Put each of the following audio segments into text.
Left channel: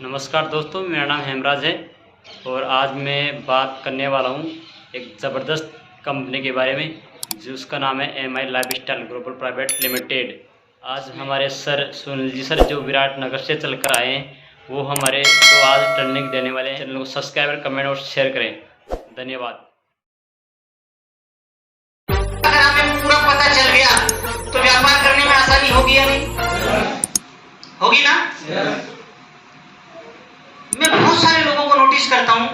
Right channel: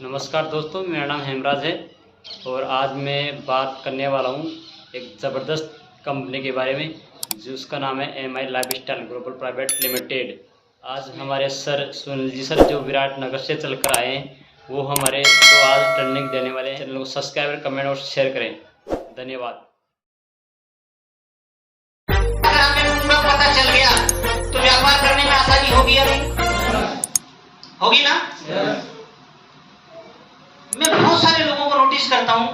नमस्कार दोस्तों, मेरा नाम हेमराज है और आज मैं बात करने वाला हूँ एक ज़बरदस्त कंपनी के बारे में जिसका नाम है MI lifestyle global private limited. आज हमारे सर सुनील जी सर जो विराटनगर से चल कर आए हैं वो हमारे को आज ट्रेनिंग देने वाले हैं। चैनल को सब्सक्राइब, कमेंट और शेयर करें। धन्यवाद। अगर हमें पूरा पता चल गया तो व्यापार करने में आसानी होगी या नहीं? होगी ना? मैं बहुत सारे लोगों को नोटिस करता हूं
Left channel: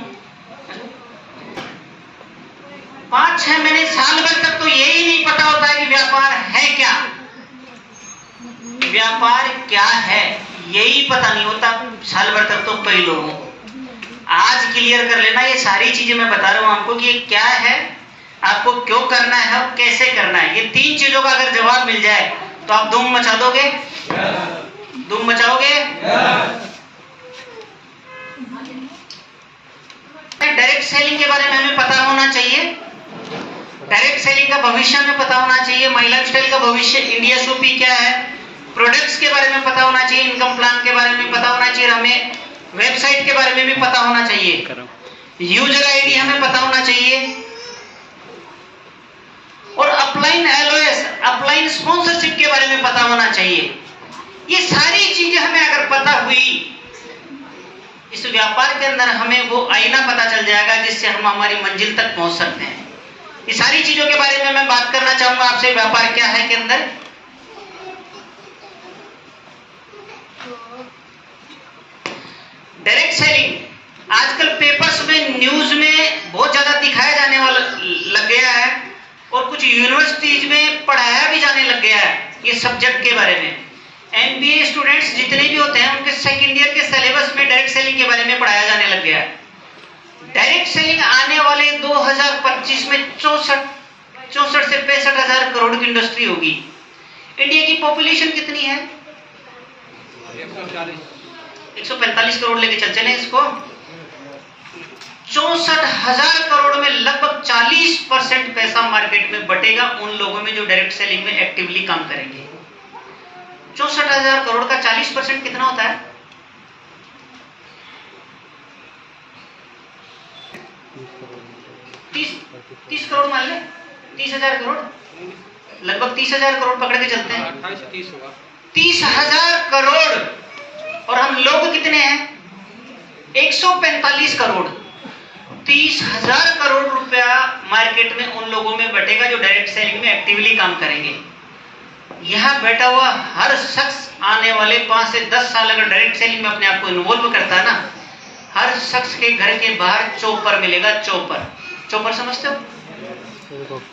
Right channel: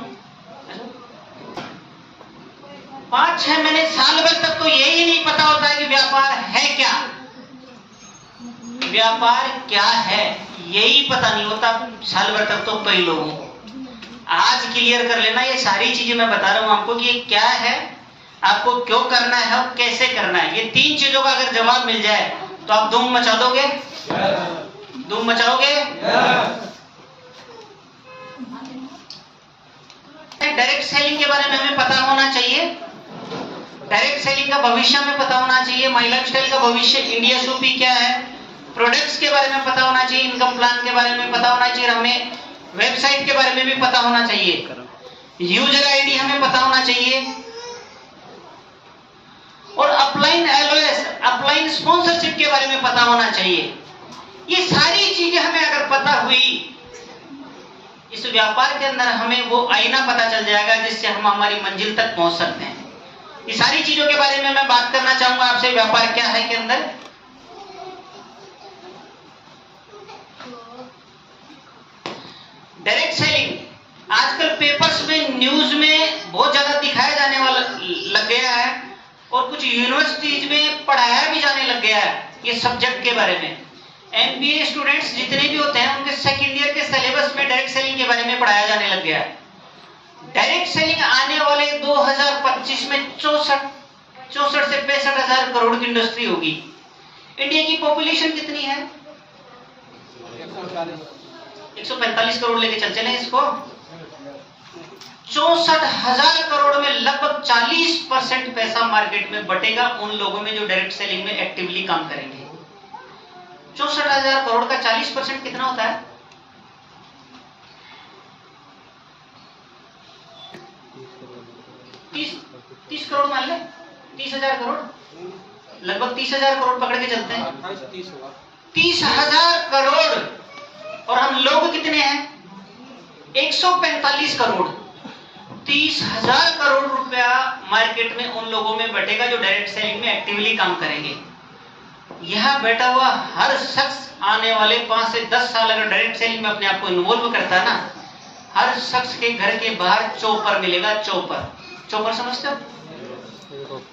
5-6 महीने साल भर तक तो यही नहीं पता होता है कि व्यापार है क्या, व्यापार क्या है यही पता नहीं होता साल भर तक तो कई लोगों को। आज क्लियर कर लेना, ये सारी चीजें मैं बता रहा हूं आपको कि ये क्या है, आपको क्यों करना है और कैसे करना है। ये 3 चीजों का अगर जवाब मिल जाए तो आप धूम मचा दोगे। धूम मचाओगे। डायरेक्ट सेलिंग के बारे में हमें पता होना चाहिए। डायरेक्ट सेलिंग का भविष्य में पता होना चाहिए। माई लाइफस्टाइल का भविष्य, इंडिया शॉपी क्या है, प्रोडक्ट्स के बारे में पता होना चाहिए, इनकम प्लान के बारे में पता होना चाहिए, हमें वेबसाइट के बारे में भी पता होना चाहिए, यूजर आईडी हमें पता होना चाहिए और अपलाइन एलओएस, अपलाइन स्पॉन्सरशिप के बारे में पता होना चाहिए। ये सारी चीजें हमें अगर पता हुई, इस व्यापार के अंदर हमें वो आईना पता चल जाएगा जिससे हम हमारी मंजिल तक पहुंच सकते हैं। ये सारी चीजों के बारे में मैं बात करना चाहूंगा आपसे। व्यापार क्या है के अंदर डायरेक्ट सेलिंग आजकल पेपर्स में, न्यूज में बहुत ज्यादा दिखाया जाने वाला लग गया है और कुछ यूनिवर्सिटीज में पढ़ाया भी जाने लग गया है ये सब्जेक्ट के बारे में। MBA स्टूडेंट्स जितने भी होते हैं उनके सेकंड ईयर के सिलेबस में डायरेक्ट सेलिंग के बारे में पढ़ाया जाने लग गया है। डायरेक्ट सेलिंग आने वाले 2025 में 64 से 65 हजार करोड़ की इंडस्ट्री होगी। इंडिया की पॉपुलेशन कितनी है? 145 करोड़ लेके चले इसको। 64 हजार करोड़ में लगभग 40% पैसा मार्केट में बटेगा उन लोगों में जो डायरेक्ट सेलिंग में एक्टिवली काम करेंगे। 64 हजार करोड़ का 40% कितना होता है? 30 करोड़ मान ले, 30 हजार करोड़, लगभग 30 हजार करोड़ पकड़ के चलते हैं। 28 से 30 होगा। 30 हजार करोड़ और हम लोग कितने हैं? 145 करोड़। 30 हजार करोड़ रुपया मार्केट में उन लोगों में बटेगा जो डायरेक्ट सेलिंग में एक्टिवली काम करेंगे। यहां बैठा हुआ हर शख्स आने वाले 5 से 10 साल अगर डायरेक्ट सेलिंग में अपने आप को इन्वॉल्व करता है ना, हर शख्स के घर के बाहर चॉपर मिलेगा। चॉपर समझते हो?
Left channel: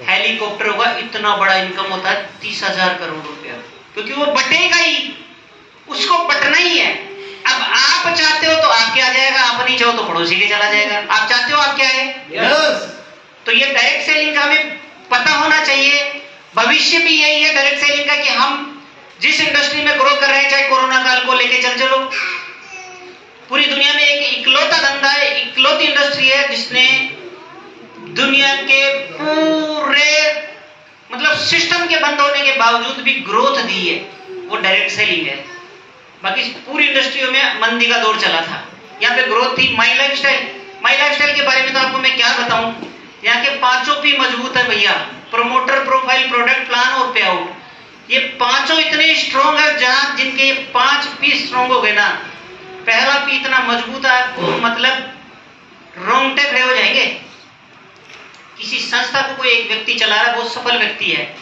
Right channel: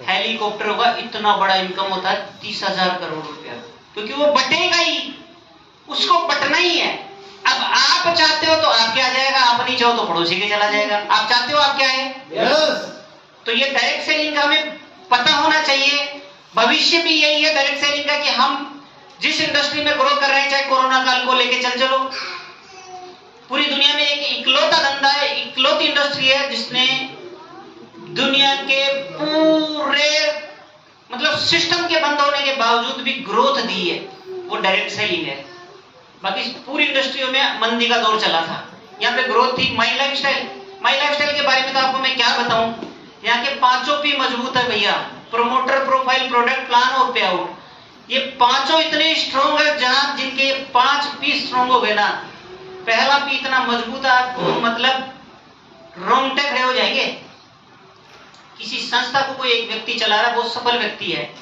हेलीकॉप्टर होगा। इतना बड़ा इनकम होता है 30 हजार करोड़ रुपया, क्योंकि वो बटेगा ही, उसको बटना ही है। अब आप चाहते हो तो आपके आ जाएगा, आप नहीं चाहो तो पड़ोसी के चला जाएगा। आप चाहते हो आपके आए। तो ये डायरेक्ट सेलिंग का हमें पता होना चाहिए। भविष्य भी यही है डायरेक्ट सेलिंग का कि हम जिस इंडस्ट्री में ग्रो कर रहे हैं, चाहे कोरोना काल को लेके चलो, पूरी दुनिया में एक इकलौता धंधा है, इकलौती इंडस्ट्री है जिसने दुनिया के पूरे मतलब सिस्टम के बंद होने के बावजूद भी ग्रोथ दी है, वो डायरेक्ट सेलिंग है। बाकी पूरी इंडस्ट्रियों में मंदी का दौर चला था, यहाँ पे ग्रोथ थी। माई लाइफस्टाइल के बारे में तो आपको मैं क्या बताऊं, यहाँ के 5 P मजबूत है भैया। प्रोमोटर, प्रोफाइल, प्रोडक्ट, प्लान और पे आउट। ये 5 इतने स्ट्रॉन्ग है, जहां जिनके 5 P स्ट्रॉन्ग हो गए ना, पहला P इतना मजबूत है आपको मतलब रोंगटे खड़े हो जाएंगे। किसी संस्था को कोई एक व्यक्ति चला रहा है, बहुत सफल व्यक्ति है,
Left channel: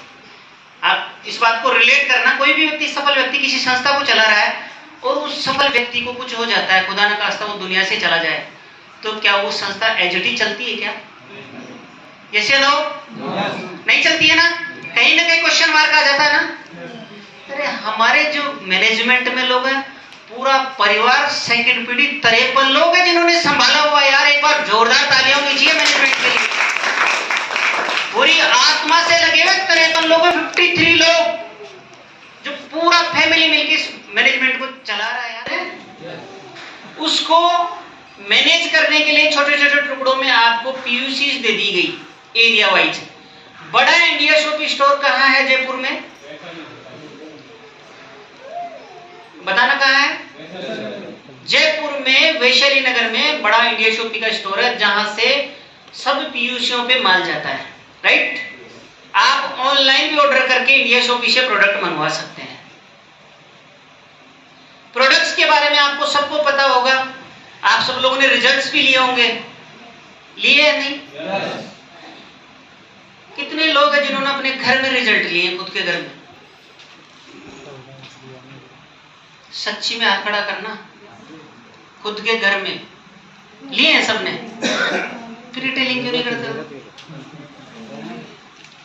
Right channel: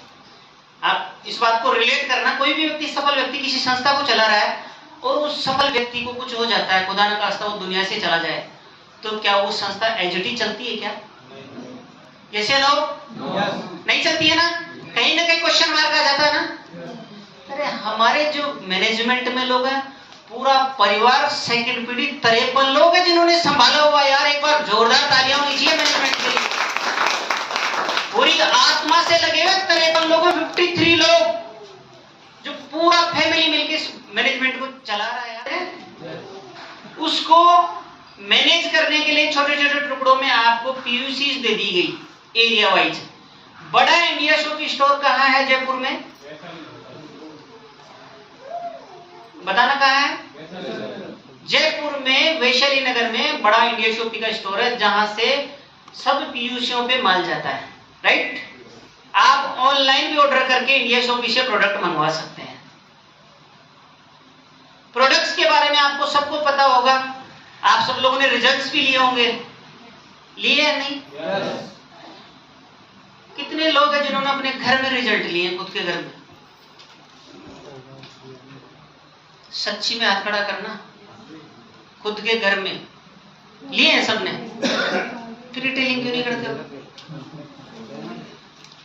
आप इस बात को रिलेट करना, कोई भी व्यक्ति, सफल व्यक्ति किसी संस्था को चला रहा है और उस सफल व्यक्ति को कुछ हो जाता है, खुदा न खास्ता वो दुनिया से चला जाए, तो क्या वो संस्था एजटी चलती है क्या? यस या नो? नहीं चलती है ना, कहीं ना कहीं क्वेश्चन मार्क आ जाता है ना। अरे हमारे जो मैनेजमेंट में लोग हैं, पूरा परिवार सेकंड पीढ़ी 53 लोग हैं जिन्होंने संभाला हुआ। यार एक बार जोरदार तालियां होनी चाहिए मैनेजमेंट के लिए। पूरी आत्मा से लगे हुए 53 लोग, 53 लोग जो पूरा फैमिली मिलकर मैनेजमेंट को चला रहा है। यार उसको मैनेज करने के लिए छोटे छोटे टुकड़ों में आपको PUCs दे दी गई एरिया वाइज। बड़ा इंडिया शॉपी स्टोर कहाँ है जयपुर में? बताना कहाँ है? जयपुर में वैशाली नगर में बड़ा इंडिया शॉपी का स्टोर है जहां से सब पीयूसियों पे माल जाता है, राइट। आप ऑनलाइन भी ऑर्डर करके इंडिया शॉपी से प्रोडक्ट मंगवा सकते हैं। प्रोडक्ट्स के बारे में आपको सबको पता होगा, आप सब लोगों ने रिजल्ट्स भी लिए होंगे, लिए या नहीं? कितने लोग हैं जिन्होंने अपने घर में रिजल्ट लिए हैं, खुद के घर में? सच्ची में हाथ खड़ा करना, खुद के घर में लिए हैं सबने। फिर रिटेलिंग क्यों नहीं करते हो?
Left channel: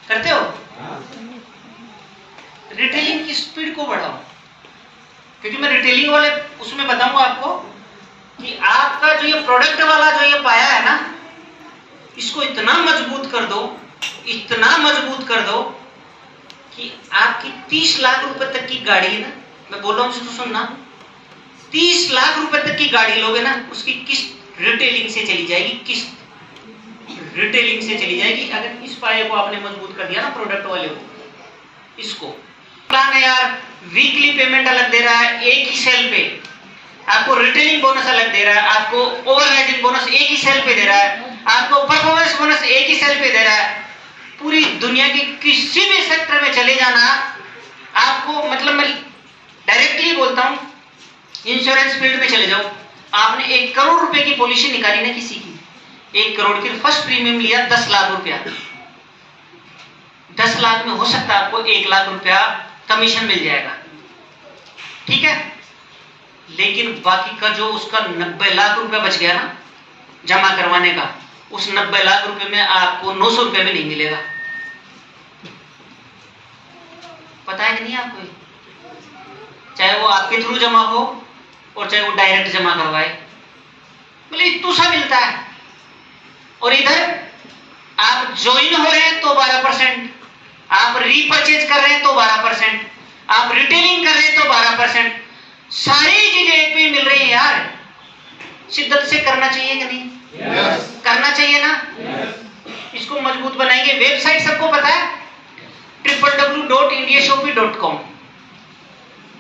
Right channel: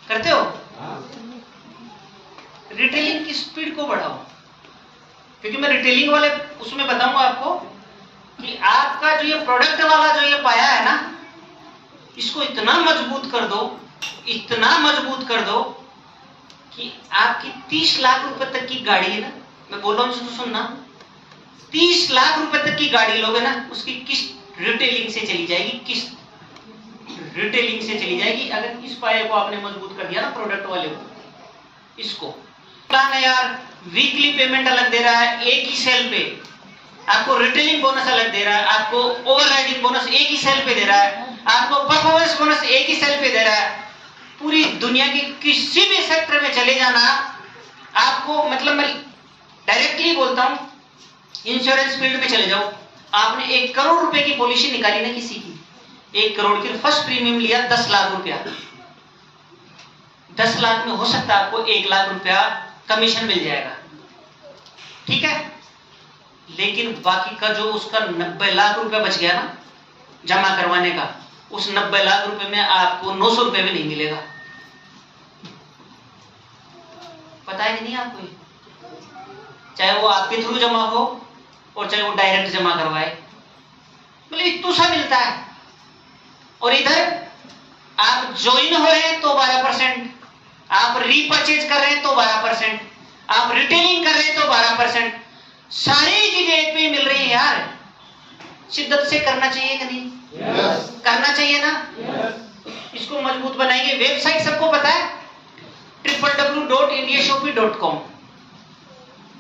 करते हो? रिटेलिंग की स्पीड को बढ़ाओ, क्योंकि मैं रिटेलिंग वाले उसमें बताऊंगा आपको कि आपका जो ये प्रोडक्ट वाला जो ये पाया है ना, इसको इतना मजबूत कर दो, इतना मजबूत कर दो कि आपकी 30 लाख रुपए तक की गाड़ी है ना, मैं बोल रहा हूं तो सुनना, 30 लाख रुपए तक की गाड़ी लोगे ना, उसकी किस्त रिटेलिंग से चली जाएगी, किस्त रिटेलिंग से चली जाएगी। अगर इस पाए को आपने मजबूत कर दिया ना प्रोडक्ट वाले को, इसको प्लान है यार, वीकली पेमेंट अलग दे रहा है एक ही सेल पे, आपको रिटेलिंग बोनस अलग दे रहा है, आपको ओवरराइडिंग बोनस एक ही सेल पे दे रहा है, आपको परफॉर्मेंस बोनस एक ही सेल पे दे रहा है। पूरी दुनिया के किसी भी सेक्टर में चले जाना आपको, मतलब मैं डायरेक्टली बोलता हूं, इंश्योरेंस फील्ड में चले जाओ, आपने 1 करोड़ रुपए की पॉलिसी निकाली ना किसी की, 1 करोड़ की फर्स्ट प्रीमियम लिया 10 लाख रुपया, 10 लाख में हो सकता है आपको 1 लाख रुपया कमीशन मिल जाएगा, ठीक है। लेकिन बाकी का जो उसका 90 लाख रुपया बच गया ना जमा करवाने का, उस 90 लाख रुपए में आपको 900 रुपए में नहीं मिलेगा। पता है कि नहीं आपको? चाहे वो आपके थ्रू जमा हो और चाहे वो डायरेक्ट जमा करवाए, मतलब इतना सा मिलता है। और इधर आप ज्वाइन हो रहे हैं तो 12%, आप रीपरचेज कर रहे हैं तो 12%, आप रिटेलिंग कर रहे हैं तो 12%, सारी चीजें एक पे मिल रही है यार। शिद्दत से करना चाहिए कि नहीं? करना चाहिए ना? इसको मजबूत बनाएंगे। वेबसाइट सबको पता है, www.indiashopee.com।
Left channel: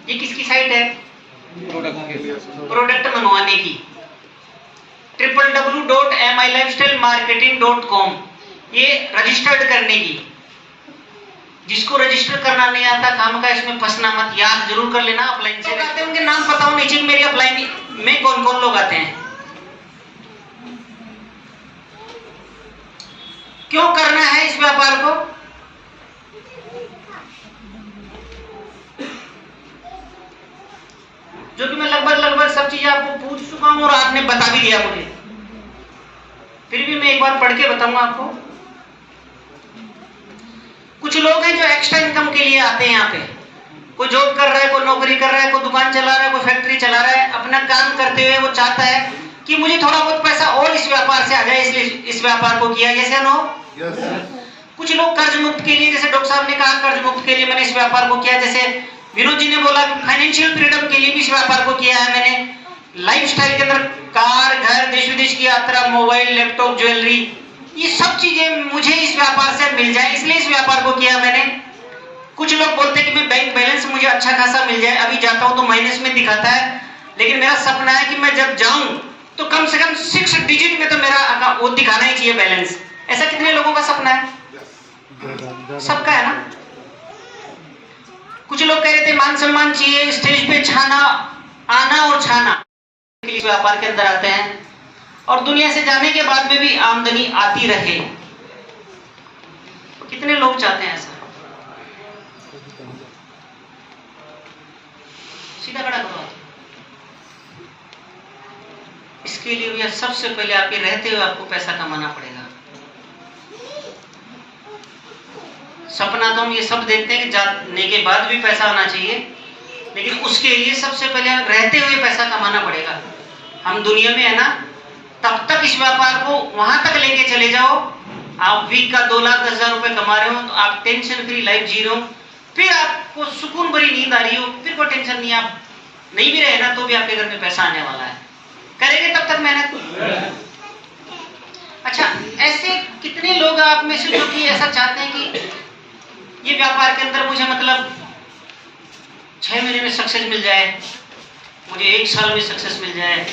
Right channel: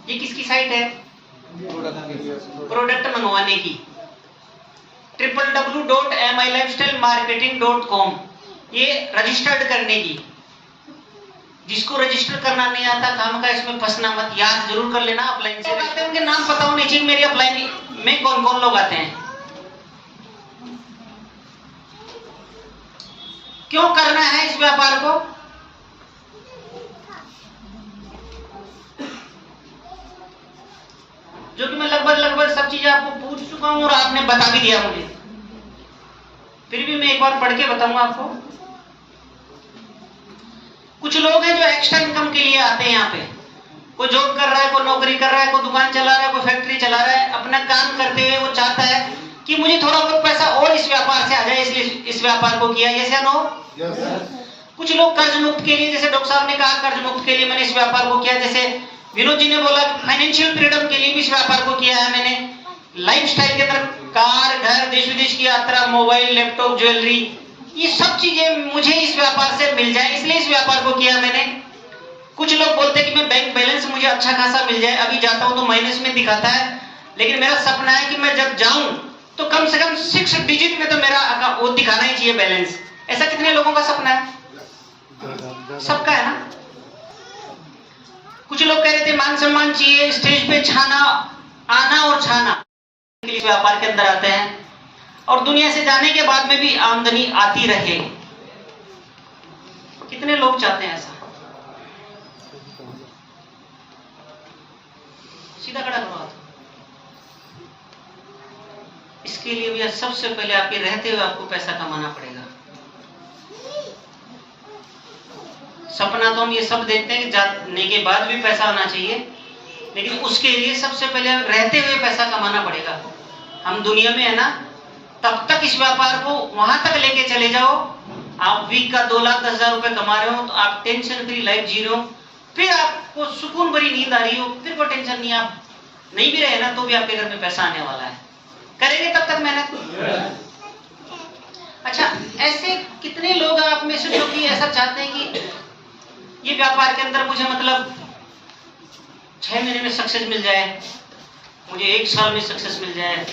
ये किसकी साइट है? प्रोडक्ट मंगवाने की। www.milifestylemarketing.com ये रजिस्टर्ड करने की। जिसको रजिस्टर करना नहीं आता काम का इसमें फंसना मत, याद जरूर कर लेना। अपलाइन से आते हैं उनके नाम पता होने चाहिए, मेरी अपलाइन में कौन कौन लोग आते हैं। क्यों करना है इस व्यापार को? जो कि मैं लगभग सब चीजें आपको पूछ चुका हूं और आपने बता भी दिया मुझे, फिर भी मैं एक बार पढ़ के बताऊंगा आपको। कुछ लोग हैं जो एक्स्ट्रा इनकम के लिए आते हैं यहाँ पे, कोई जॉब कर रहा है, कोई नौकरी कर रहा है, कोई दुकान चला रहा है, कोई फैक्ट्री चला रहा है, अपना काम करते हुए वो चाहता है कि मुझे थोड़ा बहुत पैसा और इस व्यापार से आ जाए, इसलिए इस व्यापार को किया। जैसे नो कुछ लोग कर्ज मुक्त के लिए, जैसे डॉक्टर साहब ने कहा कर्ज मुक्त के लिए मैंने इस व्यापार को किया, जैसे विनोद जी ने बोला फाइनेंशियल फ्रीडम के लिए भी इस व्यापार को किया है मैंने। लाइफस्टाइल के अंदर कार, घर, देश विदेश की यात्रा, मोबाइल, लैपटॉप, ज्वेलरी, ये सब चीजें मुझे इस व्यापार से मिल जाए, इसलिए इस व्यापार को किया मैंने। कुछ लोग बोलते हैं कि मैं बैंक बैलेंस मुझे अच्छा खासा मिल जाए, अभी जाता हूं तो माइनस में दिखाता है, लेकिन मेरा सपना है कि मैं जब जाऊं तो कम से कम 6 डिजिट में तो मेरा वो दिखाना ही चाहिए बैलेंस। ऐसा कितने लोगों का सपना है? सबका है ना। कुछ लोग कह रहे थे मान सम्मान चाहिए, स्टेज पे छाना, आना और छाना, इस व्यापार के अंदर आते हैं और दुनिया से जाने के बाद में भी आमदनी आती रहे। कितने लोग चाहते हैं ऐसा? सीधा खड़ा करो। इसके लिए भी सबसे पहले आपके रहते हुए आपको पैसा कमाना पड़ेगा। सपना तो हम ये सब देखते हैं कि जाने के बाद भी पैसा आना चाहिए, लेकिन उसके लिए सबसे पहले रहते हुए पैसा कमाना पड़ेगा। हम दुनिया में है ना, तब तक इस व्यापार को वहां तक लेके चले जाओ, आप वीक का 2,10,000 रुपए कमा रहे हो तो आप टेंशन फ्री लाइफ जी रहे हो, फिर आपको सुकून भरी नींद आ रही हो, फिर कोई टेंशन नहीं, आप नहीं भी रहे ना तो भी आपके घर में पैसा आने वाला है। करेंगे तब तक मेहनत। अच्छा, ऐसे कितने लोग आप में से जो कि ऐसा चाहते हैं कि ये व्यापार के अंदर मुझे मतलब 6 महीने में सक्सेस मिल जाए, मुझे 1 साल में सक्सेस मिल जाए,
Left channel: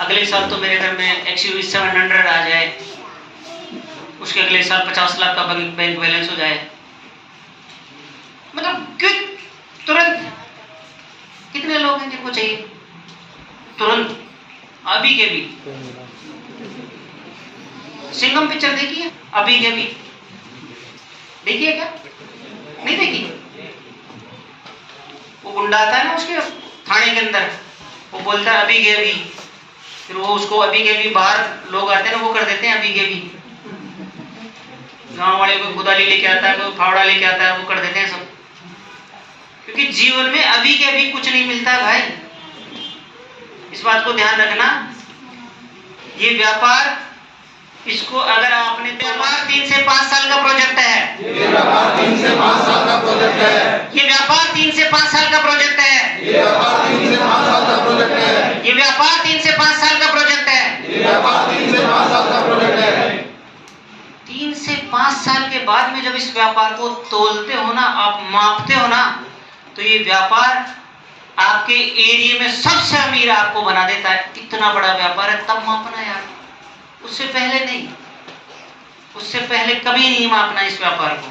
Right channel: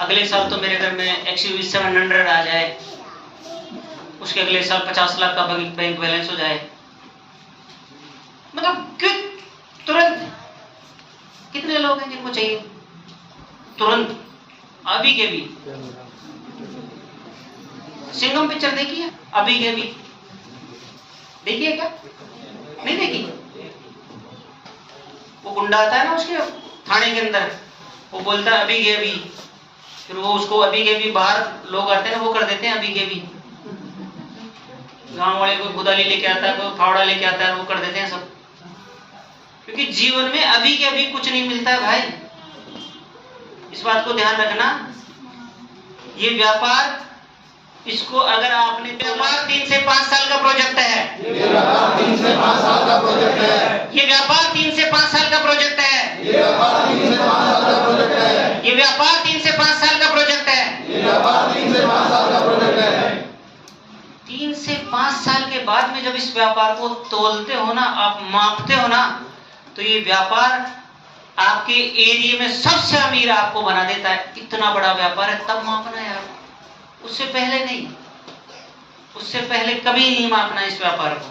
अगले साल तो मेरे घर में XUV 700 आ जाए, उसके अगले साल 50 लाख का बैंक बैलेंस हो जाए। मतलब क्यों तुरंत? कितने लोग हैं जिनको चाहिए तुरंत, अभी के भी? सिंघम पिक्चर देखी है? अभी के भी देखिए क्या? नहीं देखी? वो गुंडा आता है ना उसके थाने के अंदर, वो बोलता है अभी के अभी, फिर वो उसको अभी के भी बाहर लोग आते हैं ना, वो कर देते हैं अभी के भी। गांव वाले को गुदाली लेके आता है, कोई फावड़ा लेके आता है, वो कर देते हैं सब। क्योंकि जीवन में अभी के अभी कुछ नहीं मिलता है भाई, इस बात को ध्यान रखना। ये व्यापार, इसको अगर आपने, व्यापार 3 से 5 साल का प्रोजेक्ट है, ये व्यापार 3 से 5 साल का प्रोजेक्ट है, ये व्यापार 3 से 5 साल का प्रोजेक्ट है, ये व्यापार 3 से 5 साल का प्रोजेक्ट है, ये व्यापार 3 से 5 साल का प्रोजेक्ट है, ये व्यापार 3 से 5 साल का प्रोजेक्ट है। 3 से 5 साल के बाद में जब इस व्यापार को तोलते हो ना, आप मापते हो ना, तो ये व्यापार आपके एरिया में सबसे अमीर आपको बना देता है। इतना बड़ा व्यापार है, तब मापना यार, उससे पहले नहीं, उससे पहले कभी नहीं मापना इस व्यापार को।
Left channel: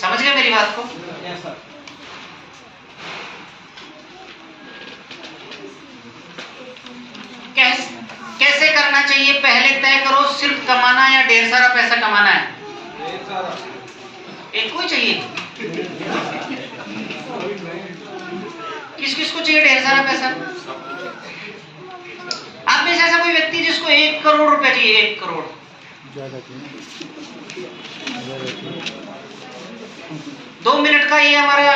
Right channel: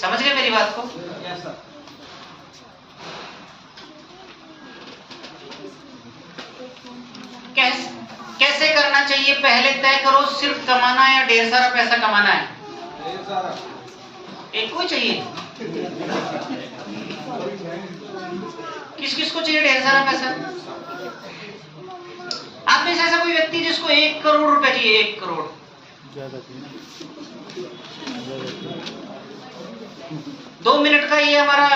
समझ गए मेरी बात को? कैसे करना चाहिए पहले तय करो। सिर्फ कमाना या ढेर सारा पैसा कमाना है? एक को ही चाहिए? किस किस को चाहिए ढेर सारा पैसा? आप में से ऐसा कोई व्यक्ति जिसको 1 करोड़ रुपए चाहिए? 1 करोड़? 2 मिनट का ये हमारा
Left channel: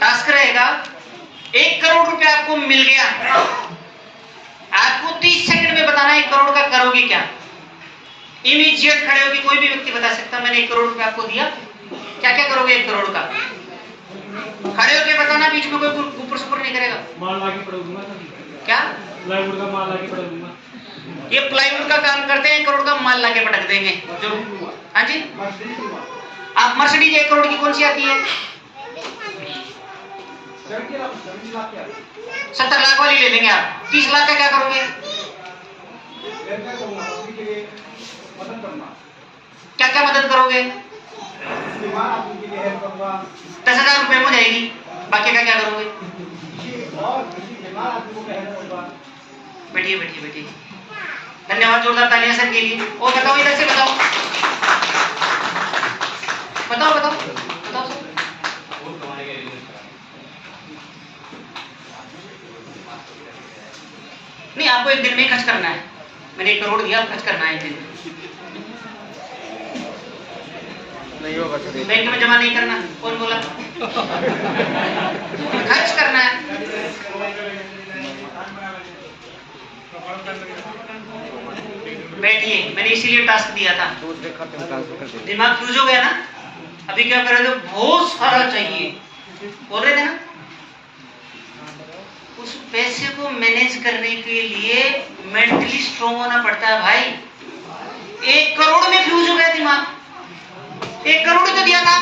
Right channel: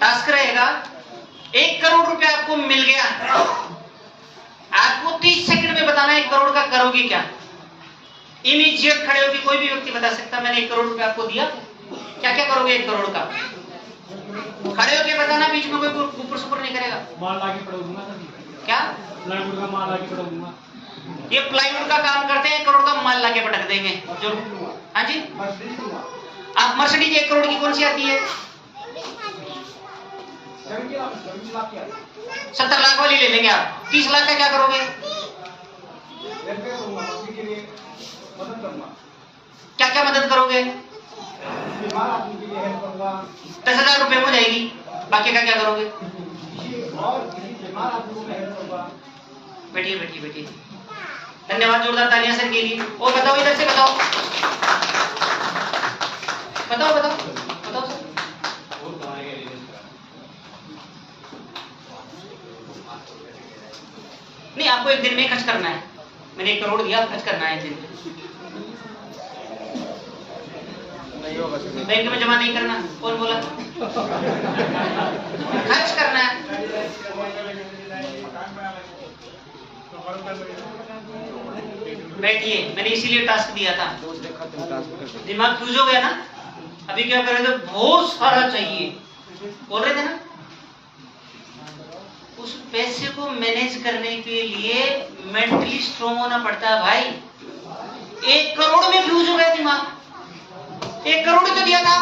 टास्क रहेगा। 1 करोड़ रुपए आपको मिल गया, आपको 30 सेकंड में बताना है 1 करोड़ का करोगे क्या। इमीडिएट खड़े होकर कोई भी व्यक्ति बता सकता, मैंने 1 करोड़ रुपए आपको दिया, क्या क्या करोगे 1 करोड़ का? खड़े होकर बताना, बीच में कोई ऊपर सुपर नहीं करेगा। माल लाके पड़ूंगा। क्या? प्लाईवुड का माल लाके पड़ूंगा। ये प्लाईवुड का काम करते हैं, 1 करोड़ का माल लाके पटक देंगे जो। हाँ जी, आप मर्सिडीज 1 करोड़ की कौन सी आती है? 70 लाख वाली ले लेंगे आप। 30 लाख का क्या करोगे? क्या क्या मदद करोगे? 10,000 रुपए हो जाएगी, बाकी का क्या करोगे? बैठिए बैठिए बैठिए, धन्यवाद, जोरदार तालियां सब के लिए। और बताओ, इधर से बताओ, बताओ बताओ बताओ। नहीं, आपको 1 दिन में खर्च करना है। मैंने 1 करोड़ दिया, खर्च करना है 1 दिन में। बैंक में जमा नहीं करना, कौन बोला? खर्च करना है। बैठिए, मैंने इसीलिए टास्क दिया था। दिमाग फ्यूज हो गया ना? अभी क्या कर रहे थे? बहुत सारा चाहिए बोल रहे थे ना? उस पैसे को मैनेज करने के लिए मेंटली स्ट्रॉन्ग होना पड़ता है भाई। 1 करोड़ में फ्यूज हो गया दिमाग। 1 करोड़ ही तो दिया था,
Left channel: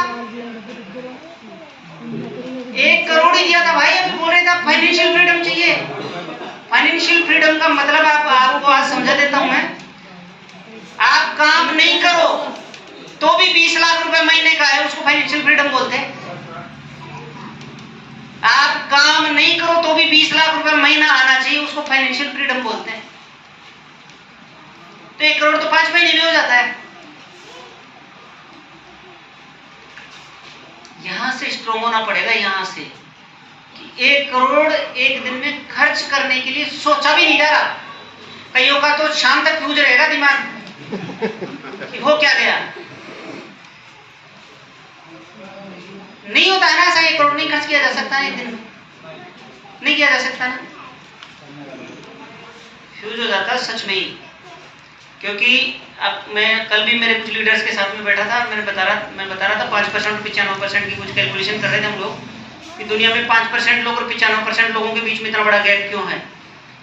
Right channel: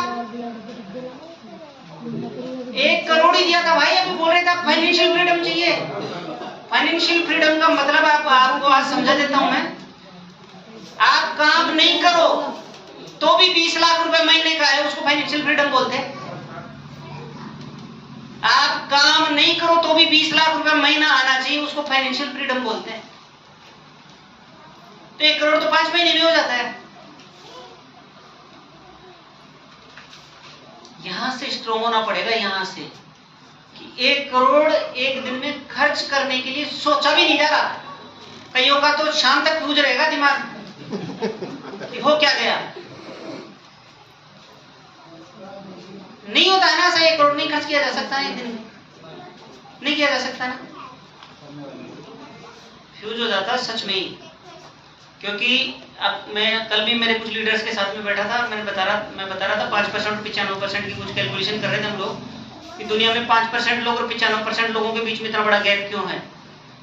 1 करोड़ ही दिया था भाई। अभी बोल रहे थे फाइनेंशियल फ्रीडम चाहिए। फाइनेंशियल फ्रीडम का मतलब आपको आज समझा देता हूं मैं। आप काम नहीं करो तो भी 20 लाख रुपए महीने का है, उसको फाइनेंशियल फ्रीडम बोलते हैं। आप काम नहीं करो तो भी 20 लाख रुपए महीना आना चाहिए, उसको फाइनेंशियल फ्रीडम बोलते हैं। तो 1 करोड़ तो 5 महीने में हो जाता है। यहां से स्ट्रॉन्ग होना पड़ेगा, यहां से कि 1 करोड़ 1 दिन में खर्च करने के लिए सोचा भी नहीं जा रहा। कईयों का तो शाम तक फ्यूज रहेगा दिमाग कि हो क्या गया। नहीं होता है ना ऐसा, 1 करोड़ नहीं खर्च किया जा सकता है 1 दिन में, नहीं किया जा सकता है। फ्यूज हो जाता सच में ही। क्योंकि अब मैं कल भी मेरे कुछ लीडर्स के साथ में बैठा था, मैं बता रहा था 5% 95% की कुछ कैलकुलेशन कर रहे थे हम लोग कि दुनिया में 5% लोग और 95% लोगों के बीच में इतना बड़ा गैप क्यों है।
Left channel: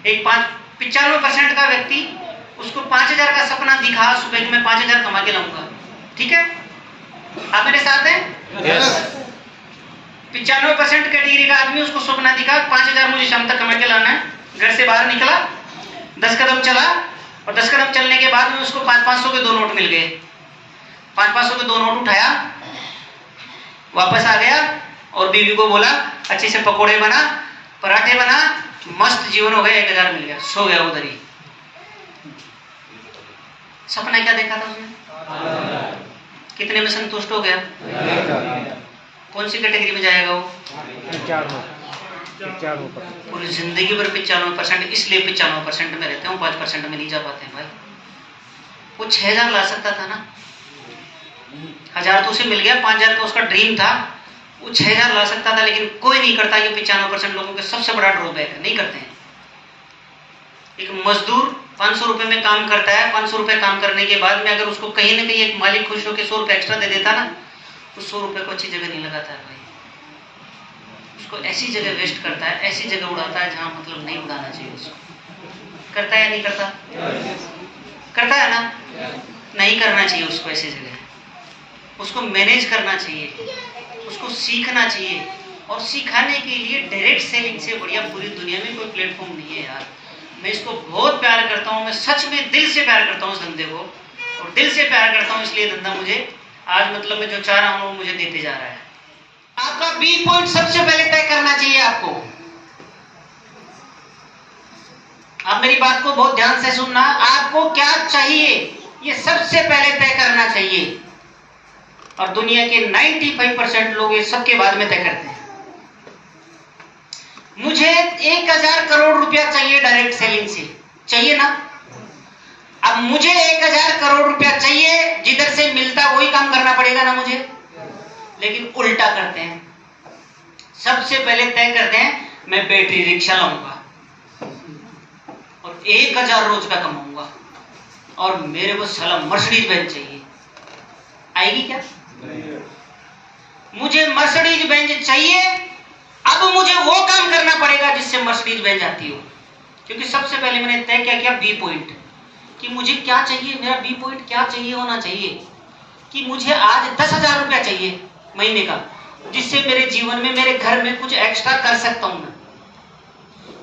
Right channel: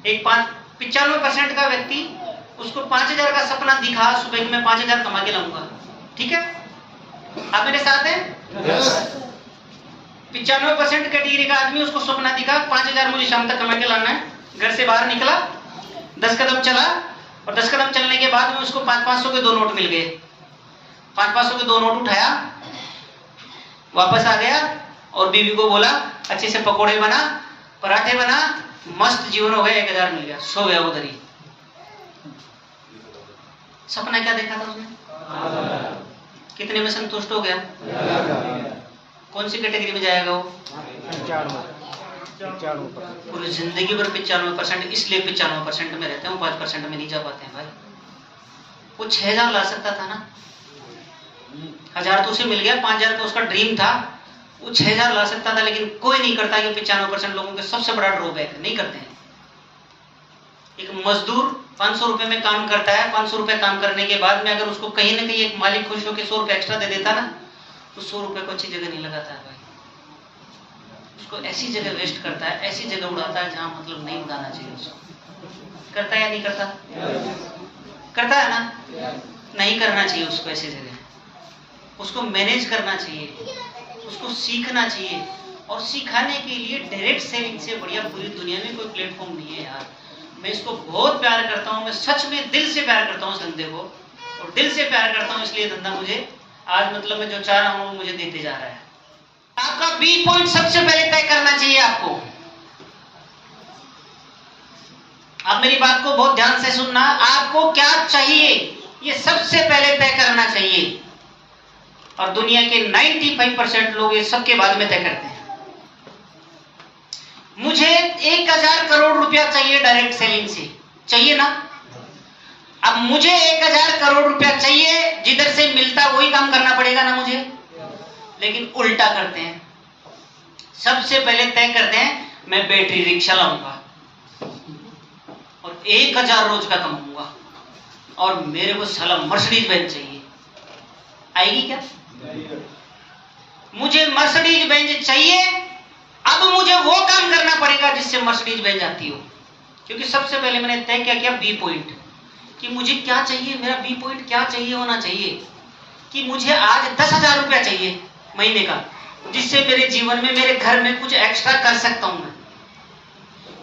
एक 95% का व्यक्ति, उसको 5,000 का सपना दिखा सुबह कि मैं 5,000 कमा के लाऊंगा, ठीक है? आप मेरे साथ हैं? यस। 95% कैटेगरी का आदमी, उसको सपना दिखा 5,000 मुझे शाम तक कमा के लाना है, घर से बाहर निकला, 10 कदम चला और 10 कदम चलने के बाद में उसको 500 के 2 नोट मिल गए। 500 के 2 नोट उठाया, वापस आ गया और बीवी को बोला अच्छे से पकोड़े बना, पराठे बना, मस्त जीवन हो गया, 1000 मिल गया, सो गया उधर ही। सपना क्या देखा था उसने? कितने में संतुष्ट हो गया? कौन सी कैटेगरी में जाएगा वो? पूरी जिंदगी भर 95%, इसलिए 95% में रहते हैं, 5% में नहीं जा पाते हैं भाई। वो 6000 ला सकता था ना, 1000 तो उसे मिल गया, 5000 का उसका ड्रीम था, वो 6000 ला सकता था, लेकिन कोई नहीं करता। ये 95% लोगों के सबसे बड़ा ड्रॉबैक है, नहीं करते हैं। एक मजदूर 500 रुपए में काम करता है, 500 रुपए काम करने के बाद में अगर उसको कहीं ना कहीं एक मालिक खुश होकर 100 रुपए एक्स्ट्रा दे देता ना, तो 100 रुपए को अच्छी जगह नहीं लगाता है भाई, उसको ऐसी जगह वेस्ट करता है, ऐसी जगह उड़ाता है जहां मतलब नहीं उड़ाना चाहिए उसको। करता है या नहीं करता? करता है ना? नहीं करना चाहिए उसको ऐसी जगह। उसको मैनेज करना चाहिए, उसको सीखना चाहिए, और सिखाने के लिए डायरेक्ट सेलिंग से बढ़िया पूरी दुनिया में कोई प्लेटफॉर्म नहीं है यार। मैं इसको बहुत प्यार करता हूँ, मैं सच में दिल से प्यार करता हूँ इस धंधे को, और दिल से प्यार करता हूँ, इसलिए धंधा मुझे आज मतलब मैं जो चाह रहा हूँ मुझे देते जा रहा है। आपका बी पॉइंट सबसे पहले तय करना चाहिए आपको। आप मेरी बात को बहुत ध्यान से सुनना, आपको क्या चाहिए ये सबसे पहले तय करना चाहिए, और दुनिया के 95% लोग ये सबके बाद में तय करते हैं। मुझे 1000 करोड़ रुपया चाहिए डायरेक्ट सेलिंग से, चाहिए ना? अब मुझे 1000 करोड़ रुपया चाहिए, जिधर से मिलता वही काम करना पड़ेगा ना मुझे, लेकिन उल्टा करते हैं। सबसे पहले तय करते हैं मैं बैटरी रिक्शा लाऊंगा और 1000 रोज का कमाऊंगा, और मेरे को साला मर्सिडीज बेंज चाहिए। आएगी क्या? मुझे मर्सिडीज बेंज चाहिए, अब मुझे वो काम करना पड़ेगा जिससे मर्सिडीज बेंज आती हो, क्योंकि सबसे पहले मैंने तय क्या किया, बी पॉइंट, कि मुझे क्या चाहिए, मेरा बी पॉइंट क्या चाहिए होना चाहिए, कि मुझे आज 10,000 रुपया चाहिए महीने का, जिससे मेरे जीवन में, मेरे घर में कुछ एक्स्ट्रा कर सकता हूं मैं।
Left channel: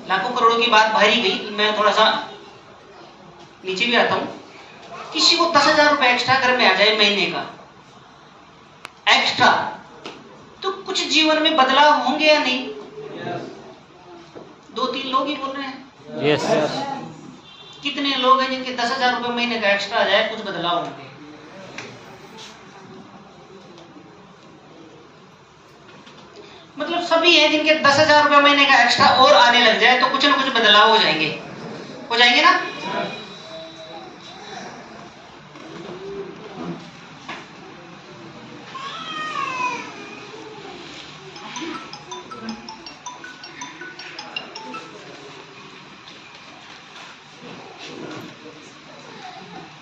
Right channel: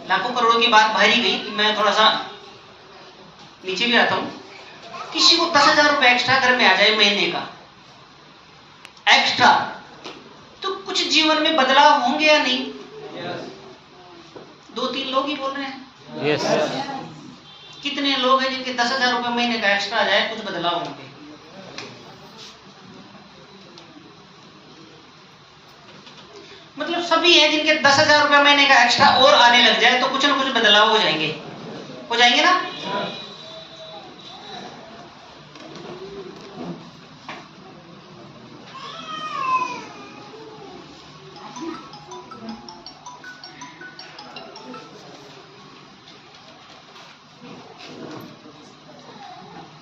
लाखों करोड़ों की बात बाहर ही गई, मैं थोड़ा सा नीचे भी आता हूं। किसी को 10,000 रुपया एक्स्ट्रा घर में आ जाए महीने का एक्स्ट्रा, तो कुछ जीवन में बदलाव होंगे या नहीं? 2-3 लोग ही बोल रहे हैं। यस। कितने लोग हैं जिनके 10,000 रुपए महीने का एक्स्ट्रा आ जाए, कुछ बदलाव होंगे? मतलब सभी हैं जिनके 10,000 रुपए महीने का एक्स्ट्रा और आने लग जाए तो कुछ ना कुछ बदलाव हो जाएंगे ना?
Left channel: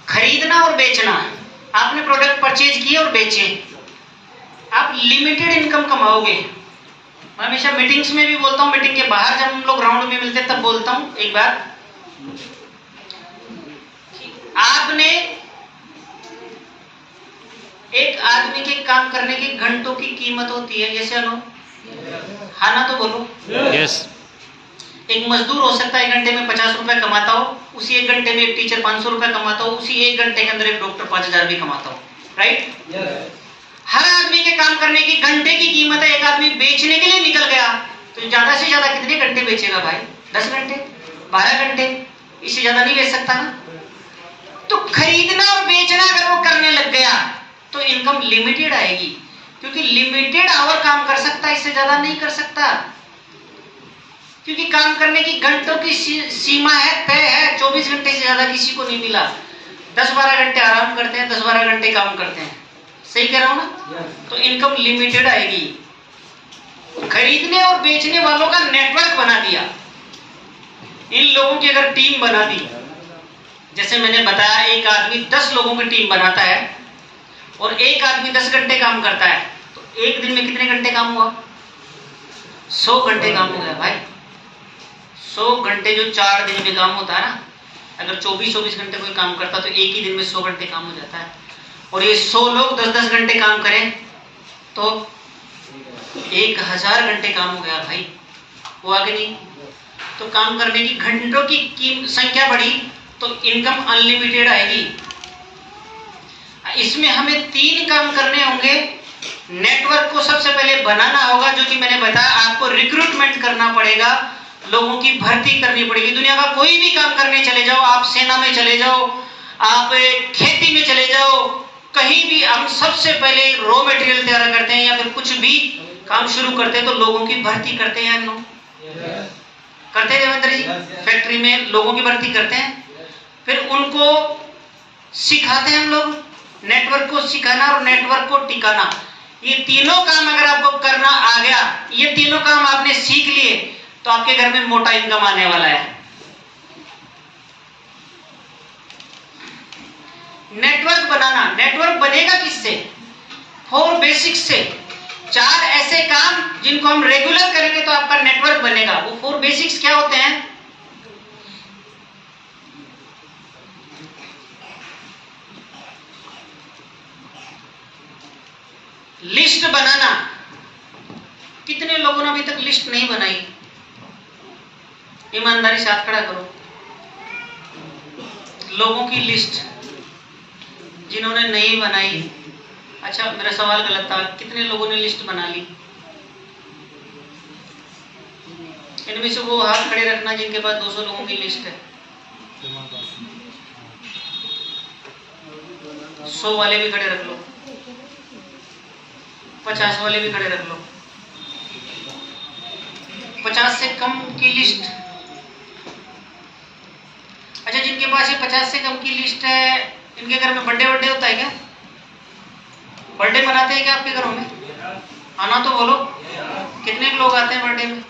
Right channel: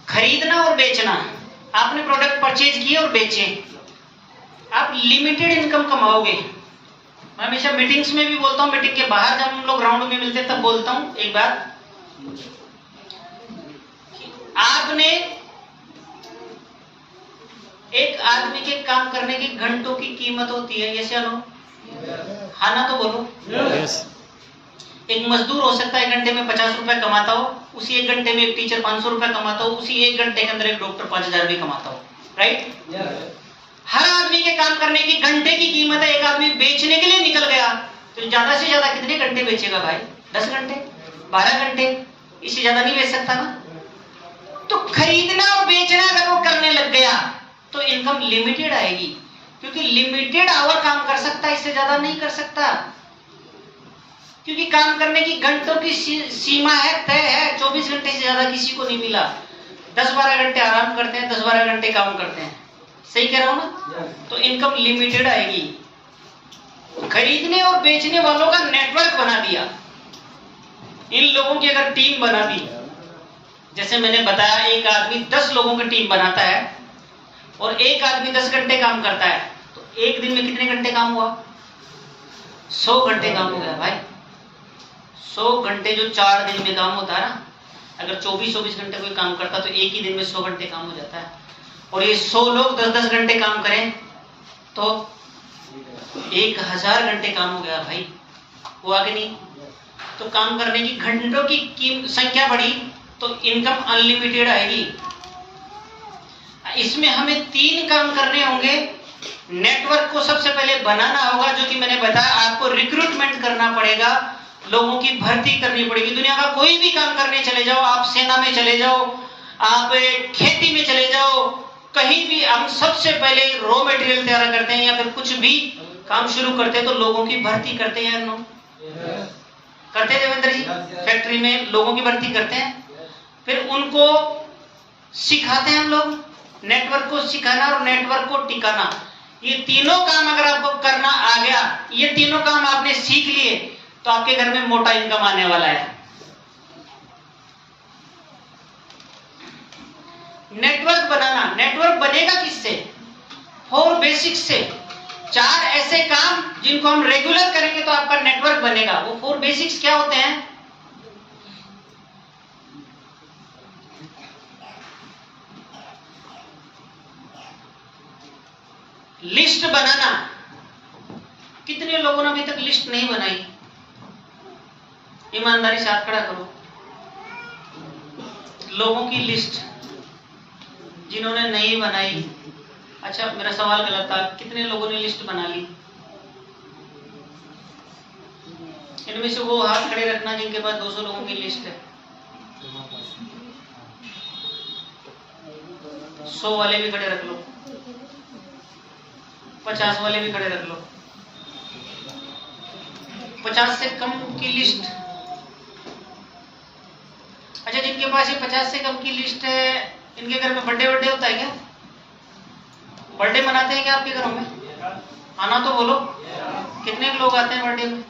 खरीदना और बेचना, आपने प्रोडक्ट परचेज किए और बेचे, आप लिमिटेड इनकम कमाओगे। मैं हमेशा मीटिंग्स में भी बोलता हूं, मीटिंग के बाहर जब हम लोग राउंड में मिलते तब बोलता हूं एक बात, आपने एक आदमी के काम करने के घंटों की कीमत होती है, जैसे अनु हाँ ना तो बोलो। यस। एक मजदूर हो सकता है 1 घंटे में 50 रुपए कमाता हो, उसी 1 घंटे में एक टीचर 500 रुपए कमाता हो, उसी 1 घंटे के अंदर एक डॉक्टर 5000 भी कमाता हो, राइट? हर आदमी के काम करने की घंटे की कीमत है। एक आदमी बेचने के लिए निकल गया तो ज्यादा से ज्यादा कितने घंटे बेचेगा भाई? 10 घंटे, 12 घंटे, इससे ज्यादा नहीं बेच सकता ना। तो खरीदना और बेचना अगर वो करने लग गया तो इनकम लिमिटेड आएगी, क्योंकि लिमिटेड आवर काम कर सकता है, इससे ज्यादा नहीं कर सकता, क्योंकि काम करने की घंटों की सीमा है, तय है। 24 घंटे से ज्यादा किसी को नहीं मिला। 10-12 घंटे आराम करते हैं, 10-12 घंटे काम करते हैं, सही कह रहा हूं ना? तो इनकम लिमिटेड आएगी। खरीदने और बेचने वालों का नेटवर्क बना दिया, इन लोगों की अगर टीम बना दी, जैसे मैंने बताया एक आदमी 10 लोगों की टीम बनाता है और एक आदमी 10 घंटे काम करता है, तो एक दिन में कितने घंटे काम हुआ? 100 घंटे काम हो गया भाई। 100 घंटे जो 4 दिन में काम होता है ना, अगर 24-24 घंटे कोई काम करता तो एक ही दिन में 100 घंटे काम हो जाता है। और ये 100 लोग 10-10 घंटे काम करें तो 1000 घंटे काम हो गया भाई। वो आगे नहीं, तो काम करने की घंटों की संख्या बढ़ी तो इनकम अनलिमिटेड आएगी। इसमें हमें 3 काम करने होंगे। नेटवर्क को सबसे पहले बनाना होगा, जो कि मैंने बताया आपको रिक्रूटमेंट करना पड़ेगा, लोगों की भर्ती करनी पड़ेगी। दुनिया का कोई भी काम करने चले जाओ, आप सेना में चले जाओ, आप खेती में चले जाओ, कहीं भी हम सबसे पहले रॉ मटेरियल तैयार करते हैं या फिर कुछ भी काम शुरू करते हैं तो लोगों की भर्ती करते हैं। लोग करते हैं देवेंद्र जी, फैक्ट्री में लोगों की भर्ती करते हैं, फिर उनको सिखाते हैं हम लोग। नेटवर्क को सिखाना और नेटवर्क को टिकाना, ये तीनों काम अगर आपको करना आ गया, ये तीनों काम आपने सीख लिए तो आपके घर में मोटा इनकम आने वाला है। नेटवर्क बनाना, नेटवर्क बनेगा किससे? 4 बेसिक्स से। 4 ऐसे काम जिनको हम रेगुलर करेंगे तो आपका नेटवर्क बनेगा। वो 4 बेसिक्स क्या होते हैं? लिस्ट बनाना। कितने लोगों ने अभी तक लिस्ट नहीं बनाई? ईमानदारी से हाथ खड़ा करो। लोगों की लिस्ट जिन्होंने नहीं बनाई। अच्छा, मेरा सवाल गलत था, कितने लोगों ने लिस्ट बना ली? इनमें से वो हाथ खड़े रखना जिनके पास 200 लोगों की लिस्ट है। 100 वाले भी खड़े रख लो, 50 वाले भी खड़े रख लो। 50 से कम की लिस्ट। अच्छा, जिनके पास ये 50 से कम की लिस्ट है, इनके घर में बर्थडे होता है क्या? बर्थडे मनाते हैं क्या आपके घरों में? आना तो बोलो, कितने लोग आते हैं बर्थडे में?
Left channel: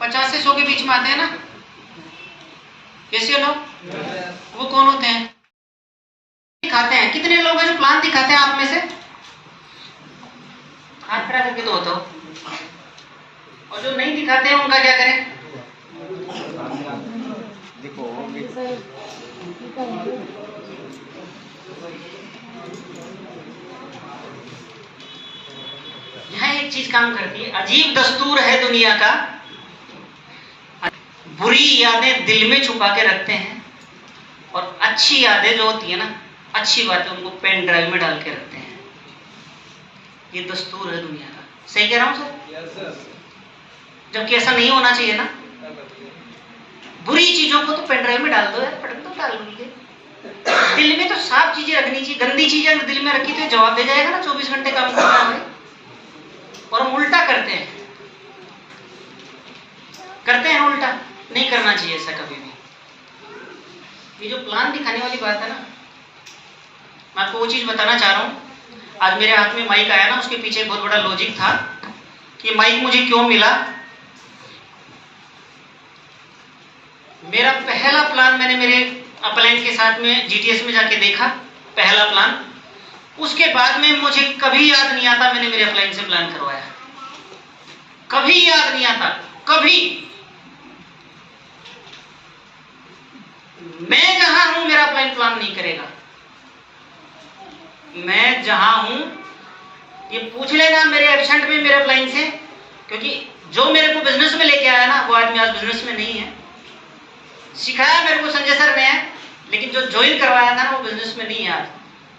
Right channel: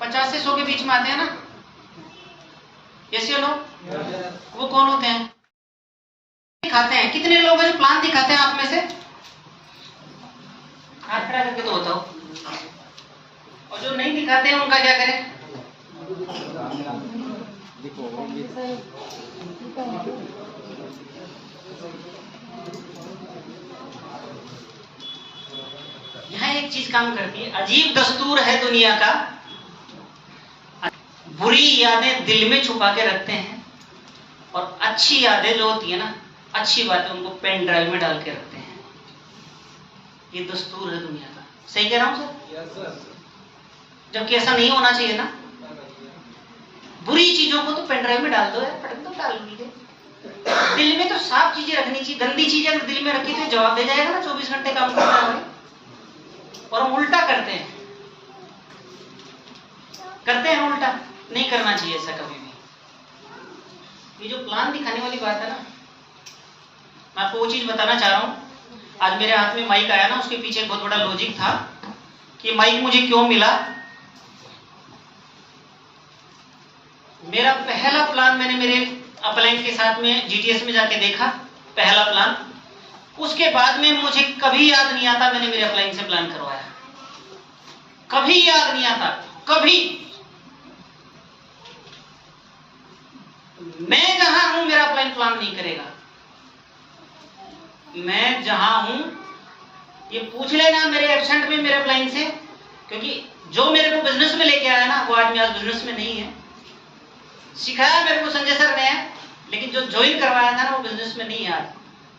50 से 100 के बीच में आते हैं ना? कैसे लोग? वो कौन होते हैं? दिखाते हैं। कितने लोग हैं जो प्लान दिखाते हैं आप में से? हाथ खड़ा करके तो बताओ। और जो नहीं दिखाते हैं उनका क्या करें? यहाँ एक चीज काम करती है, अजीब दस्तूर है दुनिया का। बुरी यादें दिल में छुपा के रखते हैं और अच्छी यादें जो होती है ना, अच्छी बातें, उनको पेन ड्राइव में डाल के रखते हैं। ये दस्तूर है दुनिया का। सही कह रहा हूं सर? जबकि ऐसा नहीं होना चाहिए ना। बुरी चीजों को तो पेन ड्राइव में डाल दो यार, पटक दो, डाल दो। दिल में तो साफ चीजें रखनी चाहिए। गंदी चीजें अगर दिल में रखी तो जवाब दे जाएगा ना, 24 घंटे काम करना है। और हम उल्टा करते हैं उल्टा। नहीं करना चाहिए ऐसा कभी भी। ये जो प्लान दिखाने वाली बात है ना, मैं आपको वो चीज बताना चाह रहा हूं। आज मेरे हाथ में माइक आया ना, उसके पीछे एक बहुत बड़ा लॉजिक था कि माइक मुझे क्यों मिला। मेरा पहला प्लान मैंने मेरे अपलाइन के साथ में जीटीएस में जाके देखा, पहला प्लान। उसके बाद में मुझे कभी याद नहीं आता मैंने मेरे अपलाइन से प्लान करवाया। कभी याद नहीं आता, कभी। मैं जहां हूं मेरा अपलाइन प्लान नहीं करेगा। मैं जहां हूं, ये पूछ लेना मेरे एब्सेंट में मेरे अपलाइन से, क्योंकि जो मेरे को बिजनेस में लेके आया ना, वो आदमी आज बिजनेस में नहीं है। सिखाया मेरे को संजय सर ने, लेकिन जो ज्वाइन करवाया था ना, वो बिजनेस में नहीं है आज।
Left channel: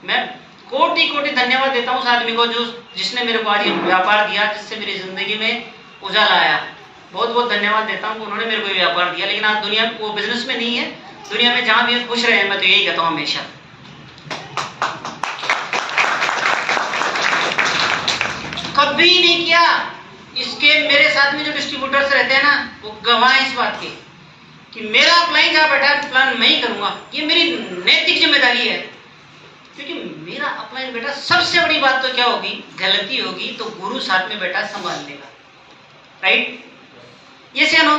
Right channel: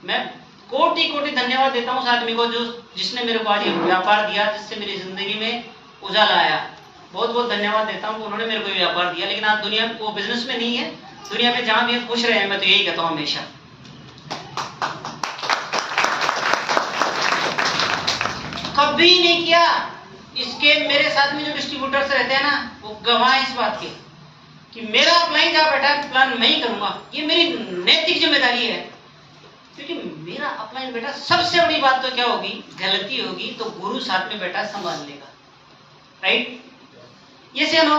मैं कोटि कोटि धन्यवाद देता हूं उस आदमी को जिसने मेरे को आज व्यापार दिया, जिससे मेरी जिंदगी में उजाला आया। बहुत बहुत धन्यवाद देता हूं, उन्होंने मेरे को ये व्यापार दिया। लेकिन आज दुनिया, वो बिजनेस में नहीं है, दुनिया में जहां भी खुश रहे, मैं तो यही कहता हूं हमेशा। कभी नहीं किया। इसके मेरे साथ में जो डिस्ट्रीब्यूटर्स रहते हैं ना, वो गवाह इस बात के कि मेरा अपलाइन जहां बैठा है प्लान मैं ही करूंगा। ये मेरी नैतिक जिम्मेदारी है, क्योंकि मेरा अपलाइन बेटा। सबसे बड़ी बात तो क्या होगी? गलती होगी तो गुरु साथ में बैठा संभाल लेगा। राइट? ये से नो?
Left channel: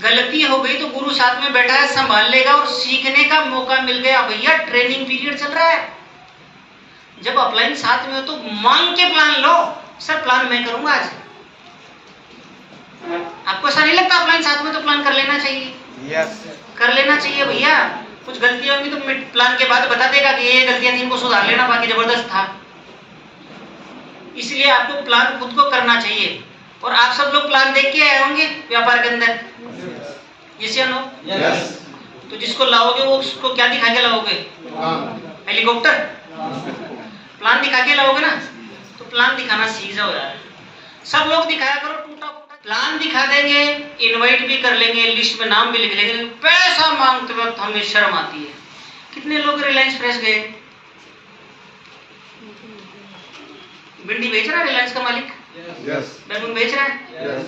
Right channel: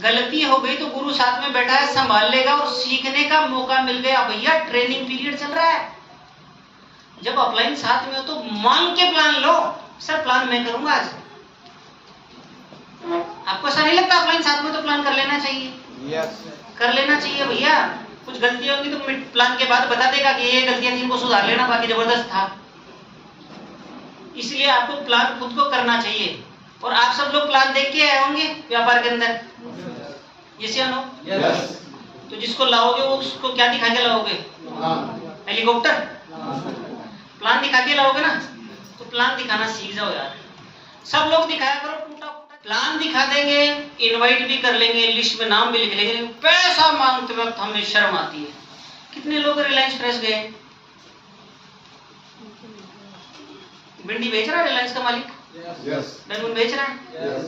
गलती हो गई तो गुरु साथ में बैठा है, संभाल लेगा। और सीखने का मौका मिल गया, भैया ट्रेनिंग पीरियड चल रहा है। जब अपलाइन साथ में हो तो मांग के प्लान लो। सर प्लान मैं करूंगा आज। आपको ऐसा नहीं लगता अपलाइन साथ में तो प्लान कर लेना चाहिए? यस, कर लेना चाहिए भैया। कुछ गलतियां होंगी तो प्लान के बाद बता देगा कि ये गलतियां थी, इनको सुधार लेना, बाकी जबरदस्त था। इसलिए आपको प्लान खुद को करना चाहिए। और आप सब लोग प्लान देख के आए होंगे व्यापार के अंदर, जिसे नो यस। तो जिसको लाओगे वो उसको क्या दिखा के लाओगे? हेलीकॉप्टर। प्लान दिखा के लाओगे ना, तो प्लान दिखाना सीख जाओ यार। सब लोग दिखाया करो टूटा फूटा प्लान दिखा देंगे, इनवाइट भी कर लेंगे, लिस्ट में नाम भी लिख लेंगे, पैसा मांगते वक्त हमें शर्म आती है। कितने लोग रिलायंस फ्रेश गए? भिंडी बेच रहा है रिलायंस का मालिक, यस। बैगन बेच रहा है, यस।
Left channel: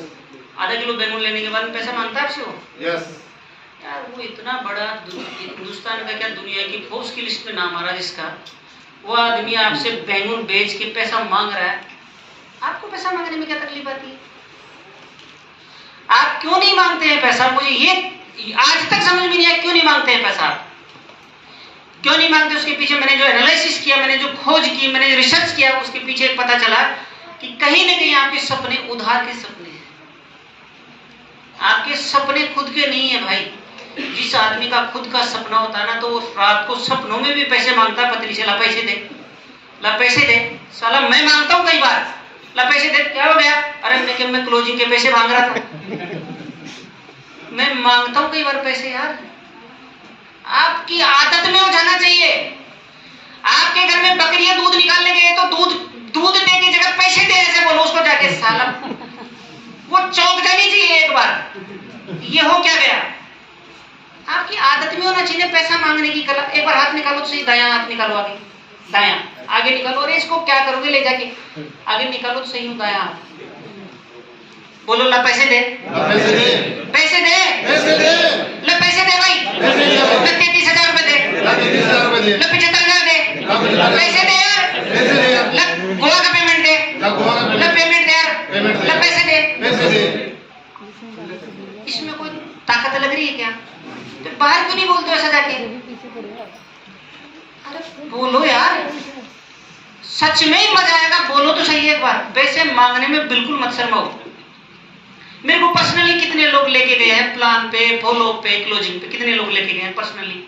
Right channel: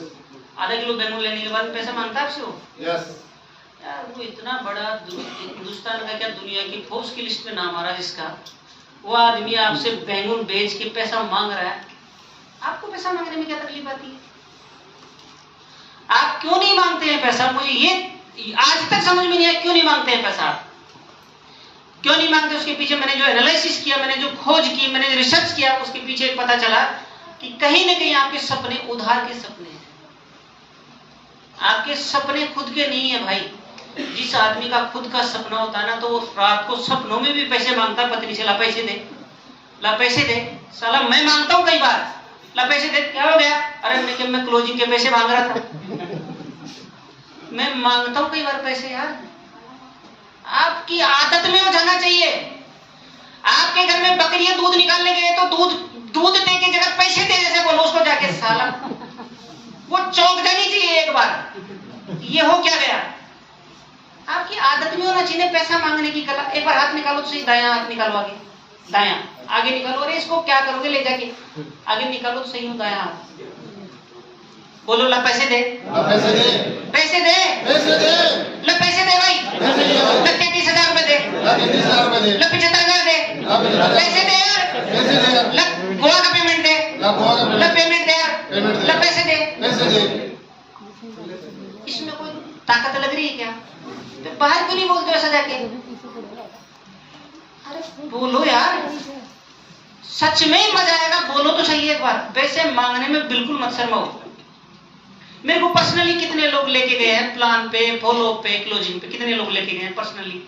आधा किलो बैगन लेने के बाद पैसा मांगता है आपसे वो? यस। यार वो इतना बड़ा हिंदुस्तान का क्या दुनिया की फोर्ब्स की लिस्ट में नाम आ रहा है जिसका, वो आदमी आपसे बैगन बेच के पैसा मांग रहा है। आपको पैसा मांगने में क्या तकलीफ आती है? आप क्यों नहीं मांगते हैं पैसा? मुझे ये आज तक समझ में नहीं आया, क्यों नहीं मांगते हैं पैसा? क्यों नहीं मांगते? उसके पीछे मैंने जो एनालिसिस किया, मैंने जो खोज की, मैंने रिसर्च किया, उसके पीछे पता चला कि कहीं ना कहीं आपके सपने उधार के सपने हैं। आपके सपने खुद के नहीं है भाई। जिस आदमी का खुद का सपना होता है ना, तो वो रात को सपनों में भी पैसे मांगता है पत्नी से, ला पैसे दे, ला पैसे दे। साला मैं मांगता हूँ कई बार, ला पैसे दे, क्या हो गया? अरे मैं क्लोजिंग के पैसे मांग रहा था। मैं मांगता हूँ कई बार पैसे यार। आपकी आदत में हो जाना चाहिए। आपके घर में बकरियां दूध निकालने गए तो दूध दे की जगह पैसे दे ऐसे बोलो उसको जाके, साला वो चौंक जानी चाहिए एक बार। ये हो क्या गया? आपकी आदत में होना चाहिए पैसा मांगने की कला। एक बार हाथ निकालो तो सही, दायां हाथ निकालो, आगे दायां, आगे निकालो। अरे इसको क्या करोगे ले जाके? आगे निकालो तो सही हूँ, दायां हाथ बोलो, ला पैसे दे, पैसे दे, पैसे दे, पैसे दे, ले पैसे दे भाई, पैसे दे, 33,000 रुपए दे, 33,000 रुपए दे, 75,000 दे, 75,000 पैसे दे यार, पैसे दे यार, गोवा का पेमेंट दे, गोवा का पेमेंट दे यार, पेमेंट दे, पैसे दे, पैसे दे। इसमें कोई ताकत लग रही है क्या? तो बाहर क्यों नहीं बोलते ऐसा जाके? अरे बोलो यार, सच में ही मजा आएगा। बोलो तो सही एक बार। पैसे मांगने में बिल्कुल मत शर्माओ। मेरे को पर्सनली कितने लोग लेके गए हैं प्लान पे, फॉलो पे, क्लोजिंग पे? कितने लोग लेके गए हैं पर्सनली?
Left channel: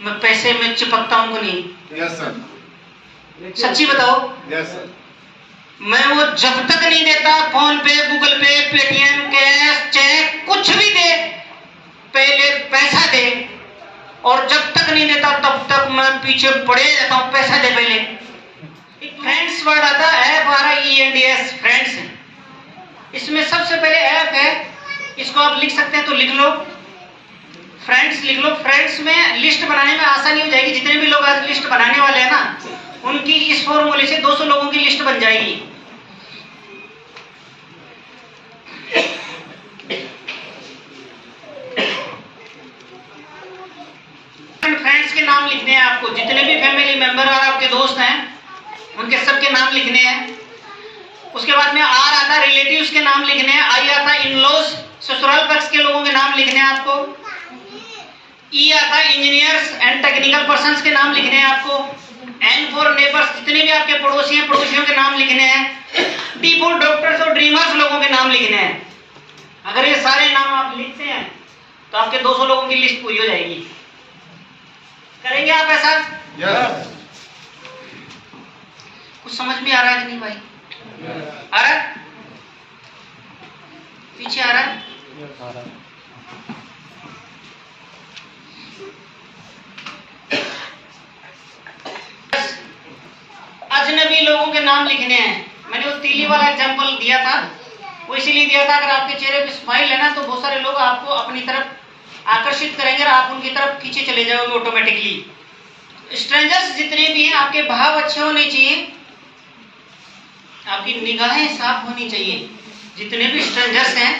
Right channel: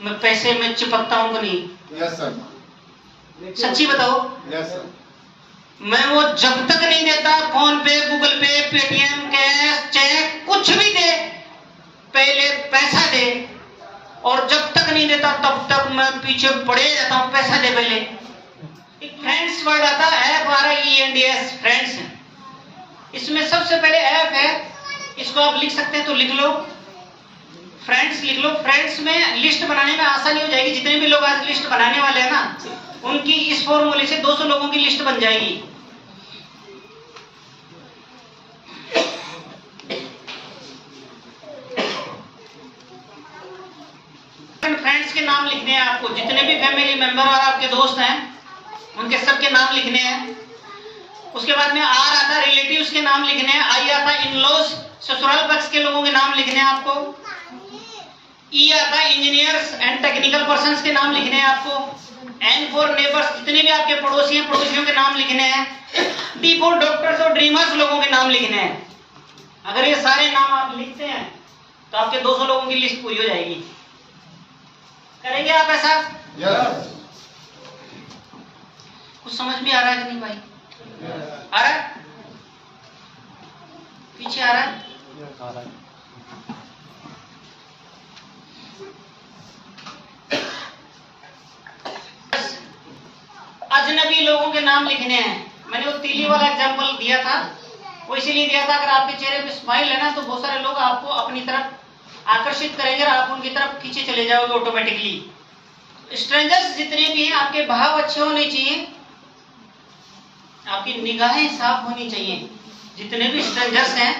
मैं पैसे में चिपकता हूं नहीं? Yes sir. सच्ची बताओ। Yes sir. मैं वो जब तक नहीं देता, फोन पे, गूगल पे, पेटीएम, कैश, चेक, कुछ भी दे, पहले पैसा दे। और जब तक नहीं देता तब तक मैं पीछे पड़े रहता हूं, पैसा दे पहले। एक फ्रेंड्स वर्ड आता है, ऐप आ रहा है ENDS, फ्रेंड्स। इसमें सबसे पहले ऐप है, इसको आप लिख सकते हैं तो लिख लो, फ्रेंड्स लिख लो। फ्रेंड्स में लिस्ट बनाने में आसानी हो जाएगी। जितने भी लोग आज लिस्ट बनाने वाले हैं ना, उनकी इस फॉर्मूले से 200 लोगों की लिस्ट बन जाएगी। फ्रेंड्स के नाम लिखने हैं आपको। जितने भी फैमिली मेंबर और आपके दोस्त हैं उनके सबके नाम लिखने हैं। उसके बाद में आर आता है, रिलेटिव्स के नाम लिखने हैं। आई आता है, इन-लॉज, ससुराल पक्ष के लोगों के नाम लिखने हैं आपको। ई आता है, इंजीनियर्स एंड टेक्निकल पर्संस के नाम लिखने हैं आपको। एन फॉर नेबर्स, जितने भी आपके पड़ोसी हैं, पड़ोसियों के नाम लिखने हैं। डी फॉर डॉक्टर्स और ड्रीमर्स, लोगों के नाम लिखने हैं। अगर ये सारे नाम आप लिखते हैं तो आपके 200 लोगों की लिस्ट पूरी हो जाएगी। करेंगे आप ऐसा? यस। कुछ समझ में आ रहा है कि नहीं भाई? आ रहा है? पीछे आ रहा है? अजनबी लोगों के नाम लिखने हैं। मैंने वो तीली वाला एग्जांपल दिया था, वो इसीलिए दिया था, अगर आपके चेहरे पे स्माइल है ना, तो बहुत सारे लोग आपको अपनी तरफ आकर्षित करेंगे और आप उनकी तरफ खींचे चले जाओगे ऑटोमेटिकली। स्ट्रेंजर्स जितने भी हैं, आपके भाव अच्छे होने चाहिए, आपकी निगाहें साफ होनी चाहिए। जितने भी स्ट्रेंजर्स हैं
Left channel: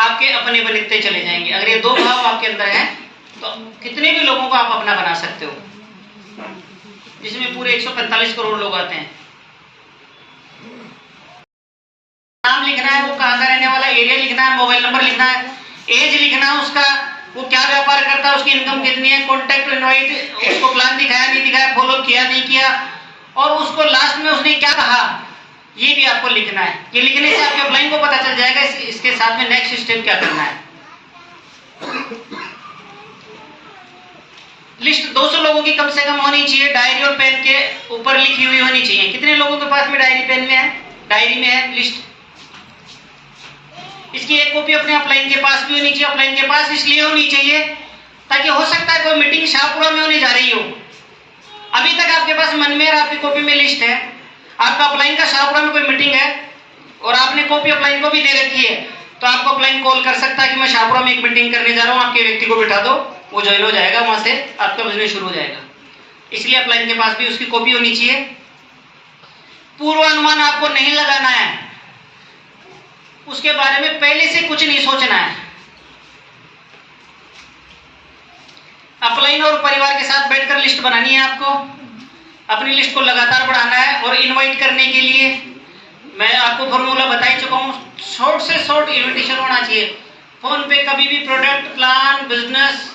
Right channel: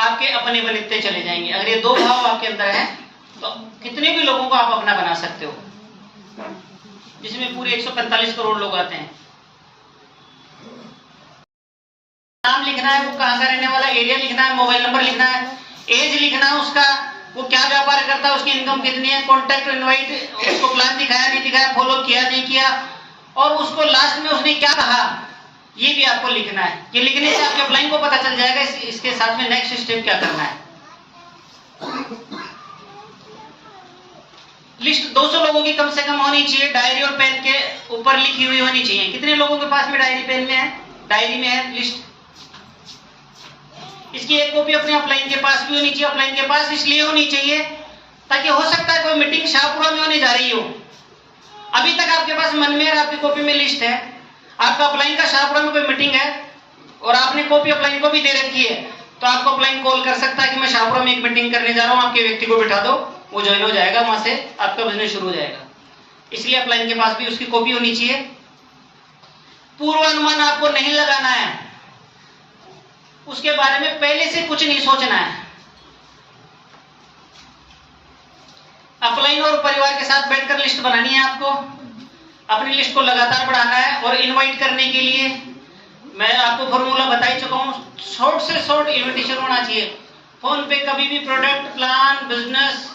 आपके अपने बनते चले जाएंगे। अगर ये दो भाव आपके अंदर हैं तो कितने भी लोगों को आप अपना बना सकते हो, जिसमें पूरे 145 करोड़ लोग आते हैं। नाम लिखना है, वो कहाँ का रहने वाला, एरिया लिखना है, मोबाइल नंबर लिखना है, एज लिखना है उसका, वो क्या व्यापार करता है, उसकी इनकम कितनी है, कॉन्टैक्ट इनवाइट, उसको प्लान दिखाया नहीं दिखाया, फॉलो किया नहीं किया, और उसको लास्ट में उसने क्या कहा, ये भी आपको लिखना है। ये लिखने से आपके अपलाइन को पता चल जाएगा इसके साथ में नेक्स्ट स्टेप क्या करना है। लिस्ट 200 लोगों की कम से कम होनी चाहिए, डायरी और पेन के ऊपर लिखी हुई होनी चाहिए। कितने लोगों के पास में डायरी पेन में है, डायरी में है लिस्ट? इसकी एक कॉपी अपने अपलाइन के पास भी होनी चाहिए। अपलाइन के पास इसलिए होनी चाहिए ताकि हो सकता है कोई मीटिंग शाहपुरा में होने जा रही हो, अभी तक आपके पास मन में और आपकी कॉपी में लिस्ट है, आपका अपलाइन का शाहपुरा में कोई मीटिंग है और आपने कॉपी अपलाइन को भी दे रखी है, तो आपको अपलाइन कॉल कर सकता है कि मैं शाहपुरा में एक मीटिंग करने जा रहा हूँ, आपके व्यक्ति को बिठा दो, वो ज्वाइन हो जाएगा, वहां से आपका बिजनेस शुरू हो जाएगा। इसलिए अपलाइन के पास भी उसकी कॉपी होनी चाहिए। पूर्वानुमान आपको नहीं लगाना है, उसके बारे में पहले से कुछ नहीं सोचना है। अपलाइन और परिवार के साथ बैठकर लिस्ट बनानी है आपको, अपनी लिस्ट को लगातार बढ़ाना है। और इनवाइट करने के लिए मैं आपको फॉर्मूला बता ही चुका हूं, शॉर्ट से शॉर्ट इनविटेशन होना चाहिए। फोन पे कभी भी प्रोडक्ट, प्लान, बिजनेस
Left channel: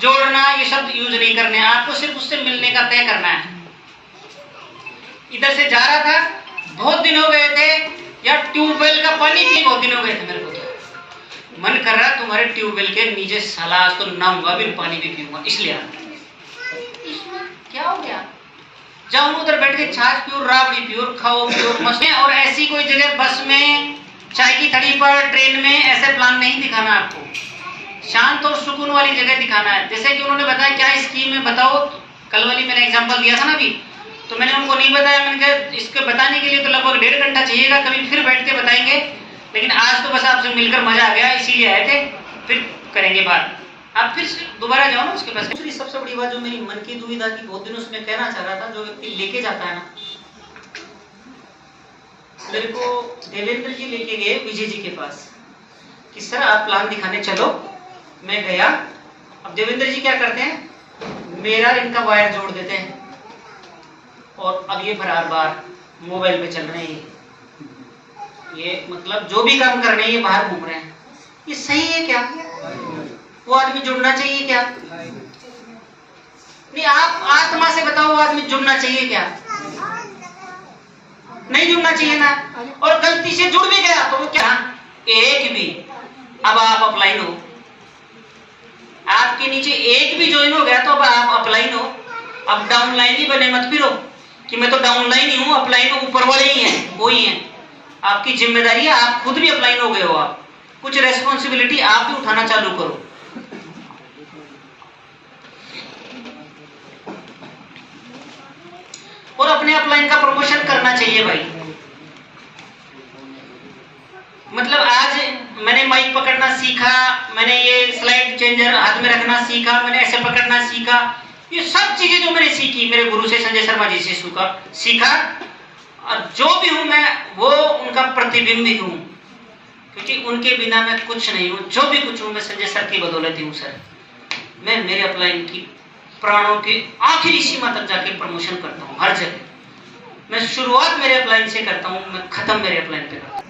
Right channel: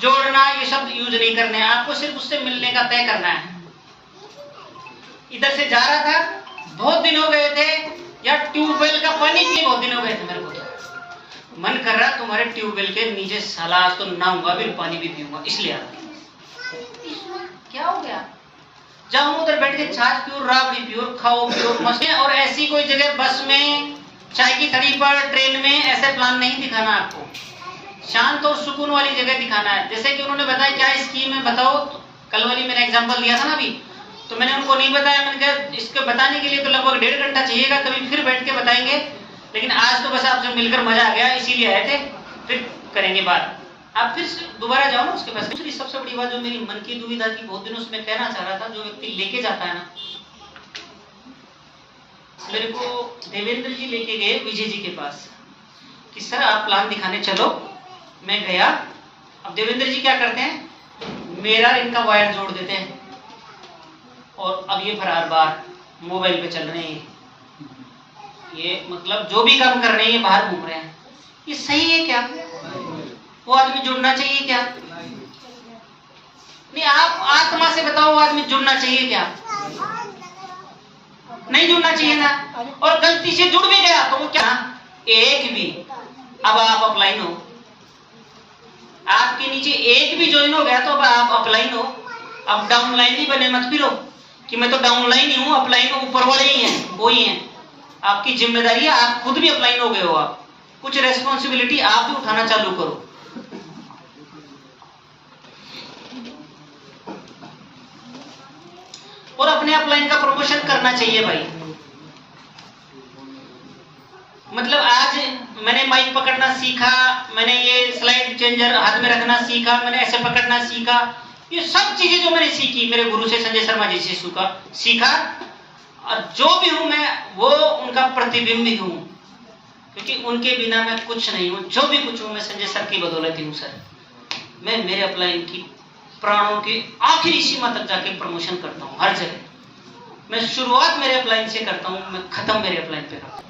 जोड़ना ये शब्द यूज नहीं करने हैं, आपको सिर्फ उससे मिलने का तय करना है। इधर से जा रहा था, बहुत दिन हो गए थे, या ट्यूबवेल का पानी भी बहुत दिन हो गए थे, मेरे को मन कर रहा तुम्हारे ट्यूबवेल के नीचे साला आज तो नहाऊंगा भी, पानी भी पीऊंगा, इसलिए क्या हो गया? जब हम उधर बैठ के छाछ पियो, राबड़ी पियो, खाओ पियो, मस्त। और ऐसी कोई जगह बस में, चाय की थड़ी पर, ट्रेन में ऐसे प्लान नहीं दिखाना आपको, शांत और सुकून वाली जगह दिखाना है। जैसे कि उन्होंने बताया क्या स्कीम है बताओ, कल वाली मैंने एग्जांपल दिया था ना अभी, तो मैंने उनको नहीं बताया, मैंने कहा इसको बताने के लिए तो लगभग 1.5 घंटा चाहिएगा, कभी फिर बैठ के बताएंगे, लेकिन आज तो बस आपसे मिलकर मजा आ गया, इसीलिए आए थे, फिर करेंगे बात। आप फिर दोबारा जाओ ना उसके पास। दूसरी सबसे बड़ी बात जो मेरी मन की दुविधा थी, बहुत दिनों से मैं कहना चाह रहा था, जो व्यक्ति लेके जाता है ना, मेरे को देवेंद्र जी लेके गए विजय जी के पास कि सर आप प्लान दिखाने चलो, मैं गया। अब देवेंद्र जी क्या करते हैं, मेरा इनका वायर जोड़ देते हैं और अब ये फरार बार मोबाइल पे चल रहे हैं, ये मतलब जो भी काम कर रहे हैं ये बाहर घूम रहे हैं। ये सही है क्या? वो आदमी जुड़ना चाहिए क्या? नहीं, आप आत्मा से बताओ, वो आदमी जुड़ना चाहिए क्या? नहीं जुड़ना चाहिए ना। और गलती से जुड़ भी गया तो क्या, एक भी, अब आप अपलाइन हो, आपके नीचे एक भी ज्वाइन हो गया तो अब आप अपलाइन हो। अब डाउनलाइन ही बने मत फिरो कि मैं तो डाउनलाइन ही हूं, अपलाइन ऊपर वाले ही हैं, वो ही हैं। आपकी जिम्मेदारी है, आप खुद भी अपलाइन हो गए हो, आप कुछ रेस्पॉन्सिबिलिटी आप भी उठाना चालू करो। और अपने अपलाइन का प्रमोशन करना चाहिए भाई। मतलब आज मैंने माइक पकड़ना सीखा, मैंने ये स्लाइड चेंजर हाथ में रखना सीखा, मैंने ऐसे पकड़ना सीखा, ये सब चीजें जो मैंने सीखी मेरे गुरु से, संजय शर्मा जी से सीखा। और जो भी हूं मैं वो उनका प्रतिबिंब ही हूं, क्योंकि उनके बिना मैं कुछ नहीं हूं। जो भी कुछ हूं मैं संजय सर की बदौलत ही हूं। सर मैं मेरे अपलाइन की प्राणों की आखिरी सीमा तक जाके प्रमोशन करता हूं हर जगह। मैं शुरुआत मेरे अपलाइन से करता हूं, मैं खत्म मेरे अपलाइन पे करता हूं।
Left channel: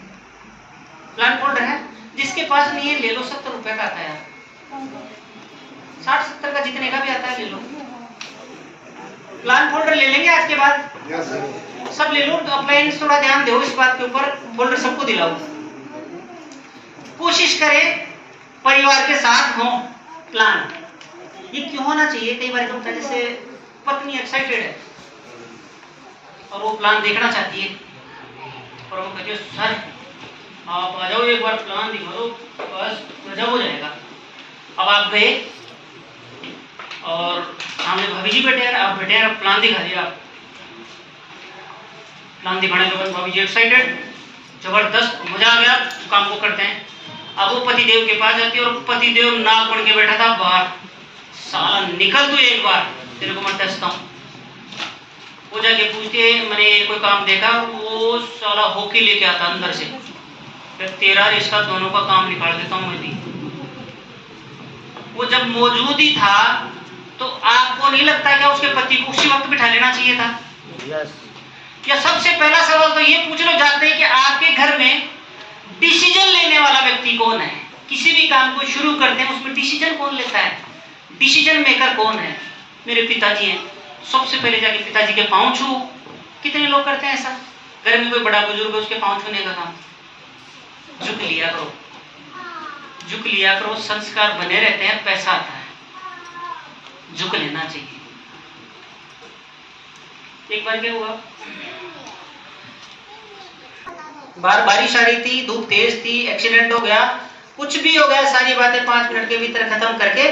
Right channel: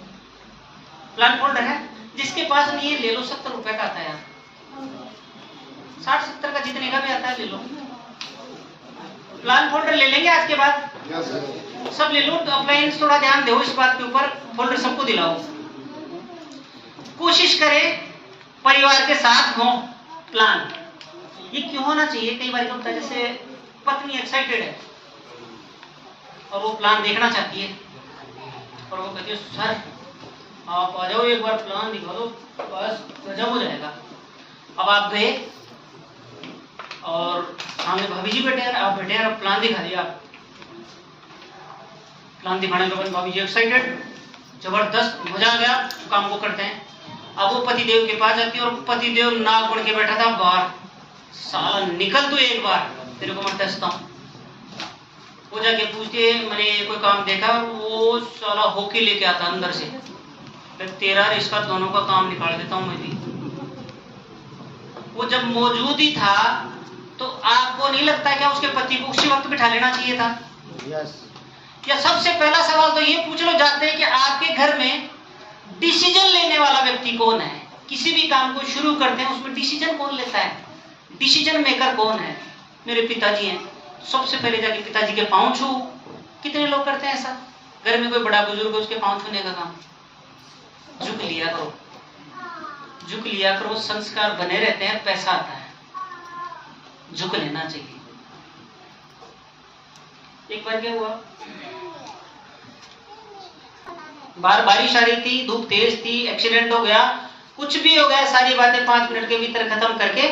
प्लान फोल्डर है, जिसके पास नहीं है ले लो, 70 रुपए का आता है यार, 60-70 का जितने का भी आता है ले लो। प्लान फोल्डर ले लेंगे आज के बाद, सब ले लो। अपलाइन थोड़ा ध्यान दो इस बात के ऊपर, फोल्डर सबको दिलाओ। कोशिश करें परिवार के साथ हो प्लान। ये क्यों होना चाहिए, कई बार होता है जैसे पत्नी एक्साइटेड है और वो प्लान देखना चाहती है और वो कहती है सर आप आ जाओ एक बार प्लान दिखा दो, बस गजब हो जाएगा। अब आप गए और सामने भाभी जी बैठे हैं, आप बैठे हैं, अब प्लान दिखा दिया। प्लान दिखाने के बाद भाभी जी एक्साइटेड, जबरदस्त, मजा आ गया, काम को करते हैं। अब वो पतिदेव के पास जाती है और पतिदेव नाक बढ़ के बैठा था बाहर, साला निकल तू एक बार, तेरे को मैं टेस्टता हूं। वो जाके पूछते मैंने कोई काम देखा, वो साला होके लेके आता अंदर से, फिर तेरा रिश्ता दोनों का काम निकाल देता हूं मैं भी। वो जब मौजूद ही था तो आपको नहीं लगता क्या उसके पति को उसी वक्त बिठा लेना चाहिए था? या सबसे पहला सवाल तो ये पूछ लो जाते हैं कि आपके घर में डिसीजन लेने वाला व्यक्ति कौन है? किसी भी काम को शुरू करते हैं उसमें डिसीजन कौन लेता है? डिसीजन मेकर कौन है? मेरे पिताजी हैं। सबसे पहले जाके पिताजी के पांव छू। कितने लोग करते हैं ऐसा? घर में कोई बड़ा बुजुर्ग है उसके पांव छूने का काम। झुक लिया करो, झुक लिया करो, संस्कार बने रहते हैं, पैसा आता है। झुक लेना चाहिए। एक बार क्या हुआ, बाहर बारिश आ रही थी, धूप तेज थी, एक्सीडेंट हो गया, कुछ भी हो गया, सारी बातें 5 मिनट के भीतर खत्म करके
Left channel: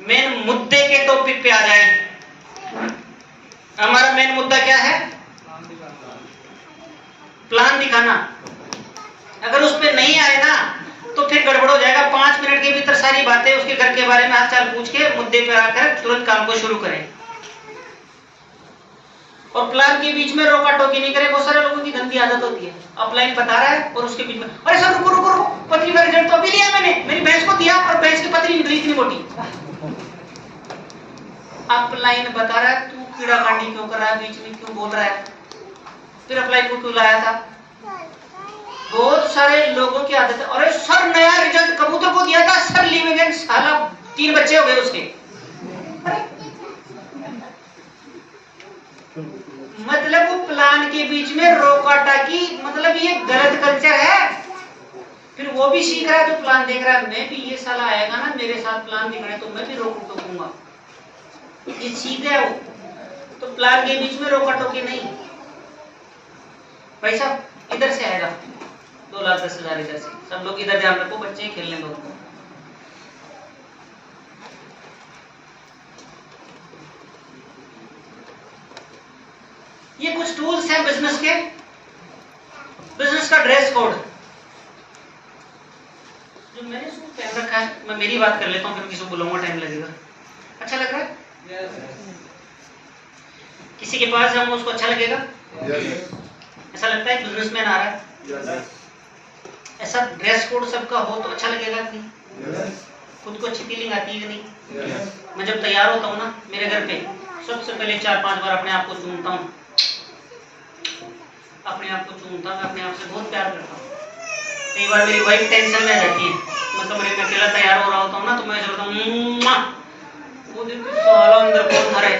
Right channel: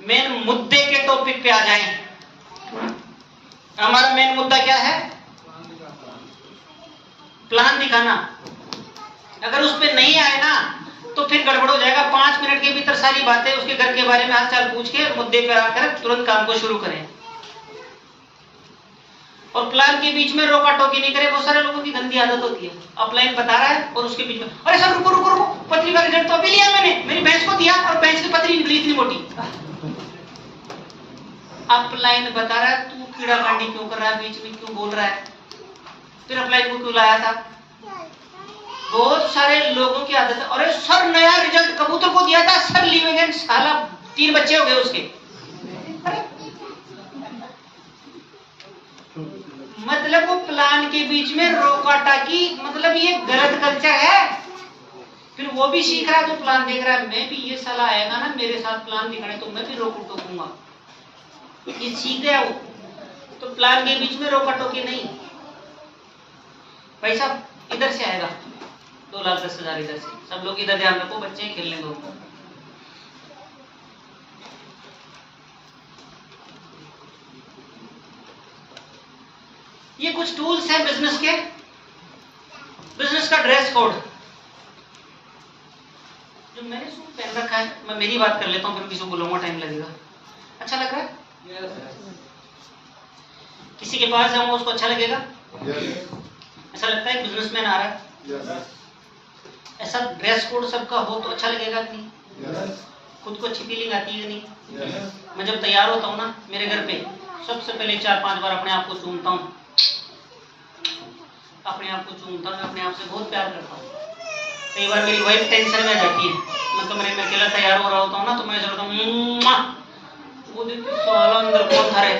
मेन मुद्दे के टॉपिक पे आ जाए। हमारा मेन मुद्दा क्या है? प्लान दिखाना। अगर उस पे नहीं आए ना तो फिर गड़बड़ हो जाएगा। 5 मिनट के भीतर सारी बातें उसके घर के बारे में हाल चाल पूछ के मुद्दे पे आकर तुरंत काम को शुरू करें। और प्लान के बीच में रोका टोकी नहीं करें। बहुत सारे लोगों की गंदी आदत होती है, अपलाइन बता रहा है और उसके बीच में अरे सर रुको रुको रुको, पतली वाली रेट तो अभी लिया मैंने, मेरी भैंस को दिया और भैंस की पतली निकली इतनी मोटी। अपलाइन बता रहा है, तू कीड़ा कांडी क्यों कर रहा है, बीच में क्यों बोल रहा है, फिर अपलाइन को क्यों लाया था? बहुत सारे लोगों की आदत है, अरे सर नया रिजल्ट कबूतर को दिया था सर, लिवेंगन साला 3 बच्चे हो गए उसके। मतलब वो प्लान के बीच में रोका टाकी, मतलब ये गलत कल्चर है। फिर वो भी सीख रहा है जो प्लान देख रहा है, मैं भी ये साला आएगा ना मेरे साथ प्लान दिखाने तो मैं भी रोक टोकूंगा, ये सीख गया वो। तो प्लान के बीच में रोका टोकी नहीं। भाई साहब इधर से आएगा 2,10,000 इधर से, सब लोग इधर ध्यान रखो, बच्चे खेलने दो। ये कुछ टूल्स हैं बिजनेस के, बिजनेस का ड्रेस कोड। जो मैंने सूट पहन रखा है, मैं मेरी बात कर लेता हूँ, फिर किसी को बोलूंगा, टाइम लगेगा। अच्छा लग रहा है? किसी के पास जाऊंगा उसको अच्छा लगेगा? ऐसा लगता है बिजनेसमैन आ रहा है? ऐसा ड्रेस कोड सबका हो तो अच्छा लगेगा कि नहीं? खुद को अच्छी फीलिंग आती है कि नहीं? मैं जब तैयार होता हूँ ना मेरे घर पे, सबसे पहले 4-5 बार अपने आप को चूमता हूँ, अपने आप को चूमता हूँ, अपने आप से बहुत प्यार करता हूँ। कई बार मेरी वाइफ टेंशन में रहती है, मैं कमरे में अकेला तैयार हो रहा होता हूँ ना, तो मैं सोचता हूँ वो दिन साला अंदर कौन था रे।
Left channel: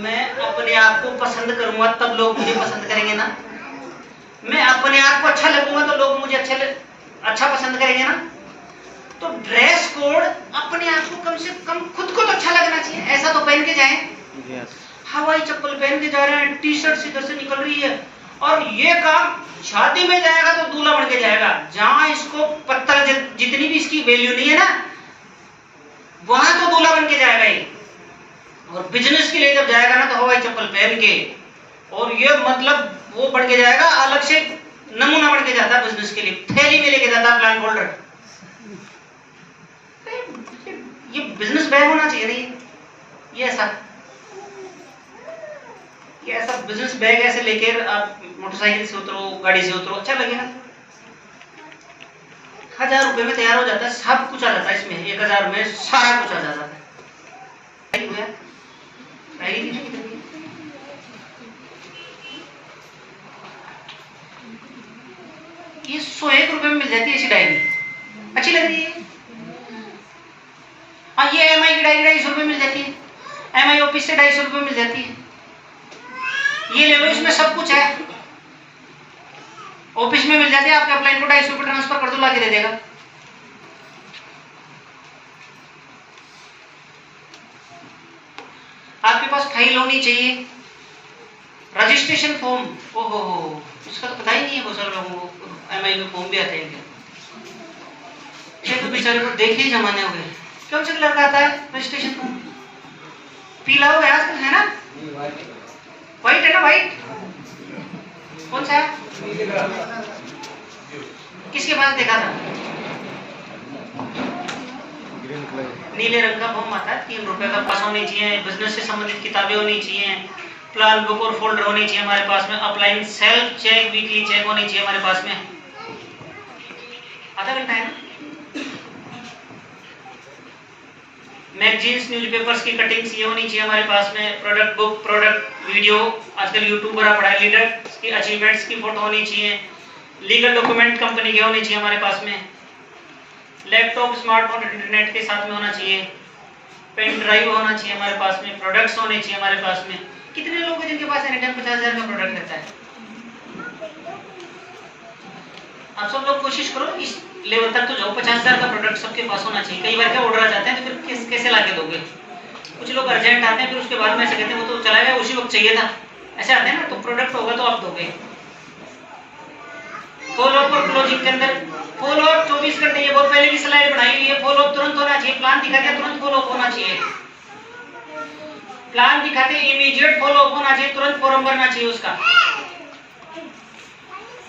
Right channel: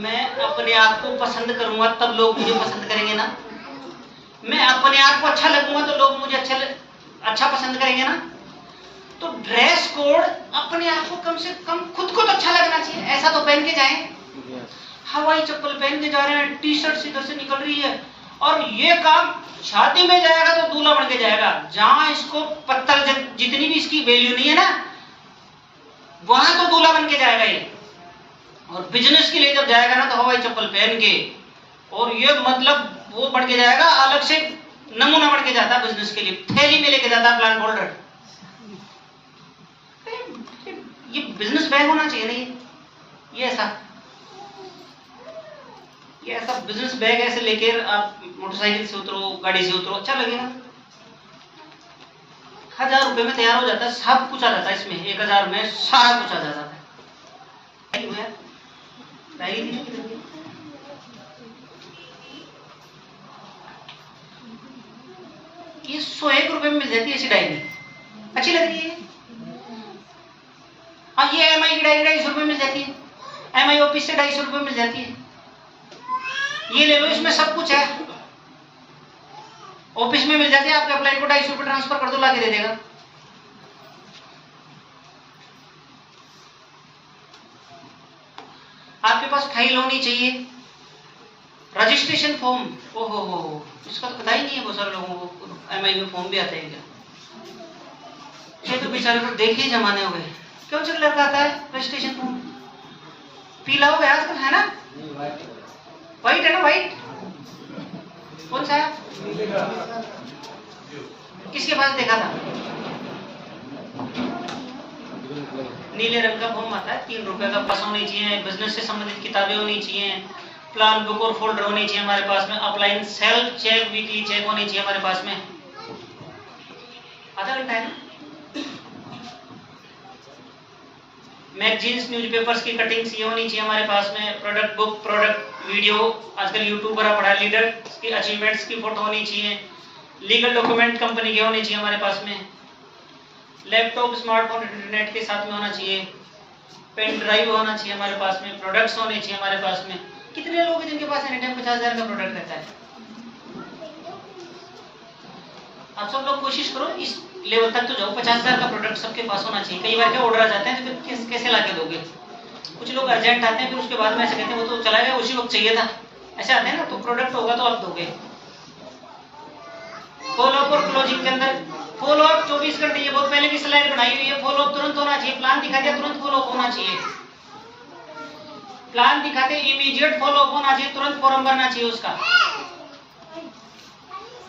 मैं अपने आप को पसंद करूंगा तब लोग मुझे पसंद करेंगे ना। मैं अपने आप को अच्छा लगूंगा तो लोग मुझे अच्छा पसंद करेंगे ना। तो ड्रेस कोड अपने आप को कम से कम खुद को तो अच्छा लगना चाहिए। ऐसा तो पहन के जाएं, हवाई चप्पल पहन के जा रहे हैं, टी शर्ट से इधर से निकल रही है, और ये काम शादी में जाएगा तो दूल्हा बन के जाएगा। जहां इसको पत्थर जितनी भी इसकी वैल्यू नहीं है ना, वहां तो दूल्हा बन के जाएगा ये। और बिजनेस के लिए जब जाएगा ना तो हवाई चप्पल पहन के, और ये मतलब वो बढ़ के जाएगा, अलग से नमूना बढ़ के जाता है बिजनेस के लिए, थैली में लेके जाता है प्लान होल्डर। ये बिजनेस बैग होना चाहिए नहीं, ये ऐसा बिजनेस बैग ऐसे लेकर आप मोटरसाइकिल से उतरो, गाड़ी से उतरो, अच्छा लगेगा। 1000 रुपए में तैयार हो जाता है, सब कुछ आ जाता है इसमें, 1000 में सारा कुछ आ जाता है। ये 101 रुपए में मिल जाती है ऐसी डायरी, अच्छी लग रही है। हाँ, ये एमआई की डायरी 250 रुपए मिल जाती है, एमआई ऑफिस से 250 रुपए मिल जाती है। ये ले लो, इसमें सब कुछ है, ऑफिस में मिल जाते हैं। आपके अपलाइन को 250 रुपए ट्रांसफर कर दो, ला के दे देगा। आपके पास फाइल होनी चाहिए, रजिस्ट्रेशन फॉर्म। ओहो, इसका तो पता ही नहीं है बहुत सारे लोगों को, एमआई में फॉर्म भी आते हैं क्या? तो बेचारे को देखे ही जमाने हो गए। कौन सा कलर का आता है रजिस्ट्रेशन फॉर्म? पीला हो गया आजकल, है ना? व्हाइट है ना? व्हाइट कौन सा है? किसके पास देखा था? नीले रंग का फॉर्म आता है, 3 रुपए का। पास होनी चाहिए, बिजनेस से संबंधित किताबें होनी चाहिए, प्लान बुक और फोल्डर होनी चाहिए हमारे पास में, upline self check, weekly check होनी चाहिए हमारे पास में। आधा घंटा है ना? मैगजीन्स, न्यूज़पेपर्स की कटिंग्स ये होनी चाहिए हमारे पास में, प्रोडक्ट बुक, प्रोडक्ट वीडियो, आजकल यूट्यूब बड़ा पड़ा है, लीडर की अचीवमेंट्स की फोटो होनी चाहिए, लीगल डॉक्यूमेंट कंपनी के होने चाहिए हमारे पास में, लैपटॉप, स्मार्टफोन इंटरनेट के साथ में होना चाहिए, पेन ड्राइव होना चाहिए हमारे पास में, प्रोडक्ट्स होने चाहिए हमारे पास में। कितने लोग हैं जिनके पास एनी टाइम 50,000 का प्रोडक्ट रहता है? आप सब लोग कोशिश करो इस लेवल तक तो जाओ। 50,000 का प्रोडक्ट सबके पास होना चाहिए। कई बार क्या ऑर्डर आ जाते हैं तो फिर कैसे ला के दोगे? कुछ लोग अर्जेंट आते हैं, फिर उसके बाद में ऐसे कहते हैं वो तो चला गया, उसी वक्त चाहिए था, ऐसे आते हैं ना। तो प्रोडक्ट होगा तो आप दोगे। फॉलो अप और क्लोजिंग के अंदर फॉलो अप 24 घंटे, ये बहुत पहले की स्लाइड बनाई हुई है। फॉलो अप तुरंत होना चाहिए। प्लान दिखा दिया, तुरंत फॉलो अप होना चाहिए। प्लान दिखाते इमीडिएट फॉलो अप होना चाहिए, तुरंत फॉर्म भरना चाहिए उसका।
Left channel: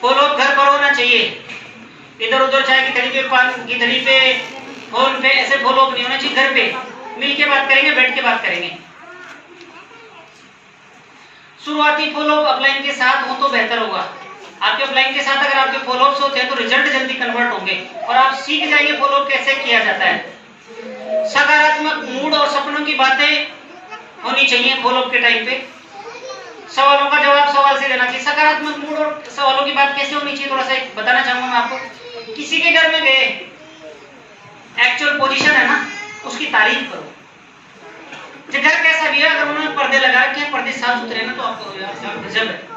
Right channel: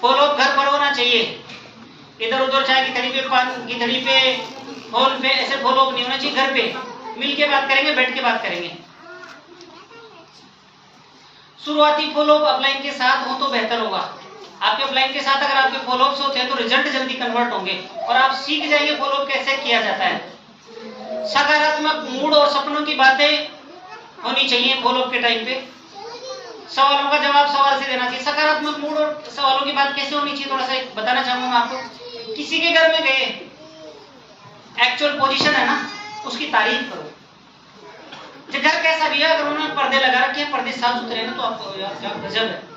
फॉलो अप घर पर होना चाहिए। इधर उधर चाय की थैली पे, पान की थैली पे, फोन पे, ऐसे फॉलो अप नहीं होना चाहिए। घर पे मिल के बात करेंगे, बैठ के बात करेंगे। शुरुआती फॉलो अप अपलाइन के साथ हो तो बेहतर होगा। आपके अपलाइन के साथ अगर आपके फॉलो अप्स होते हैं तो रिजल्ट जल्दी कन्वर्ट होंगे और आप सीख जाएंगे फॉलो अप कैसे किया जाता है। सकारात्मक मूड और सपनों की बातें होनी चाहिए फॉलो अप के टाइम पे। सवालों का जवाब सवाल से देना चाहिए। सकारात्मक मूड और सवालों की बात कैसे होनी चाहिए, थोड़ा सा एक बताना चाहूंगा मैं आपको। किसी के घर में गए, एक्चुअल पोजीशन है ना, उसकी तारीफ करो। घर कैसा भी है, अगर उन्होंने पर्दे लगा रखे हैं, पर्दे साफ सुथरे ना, तो आपको यार गजब है।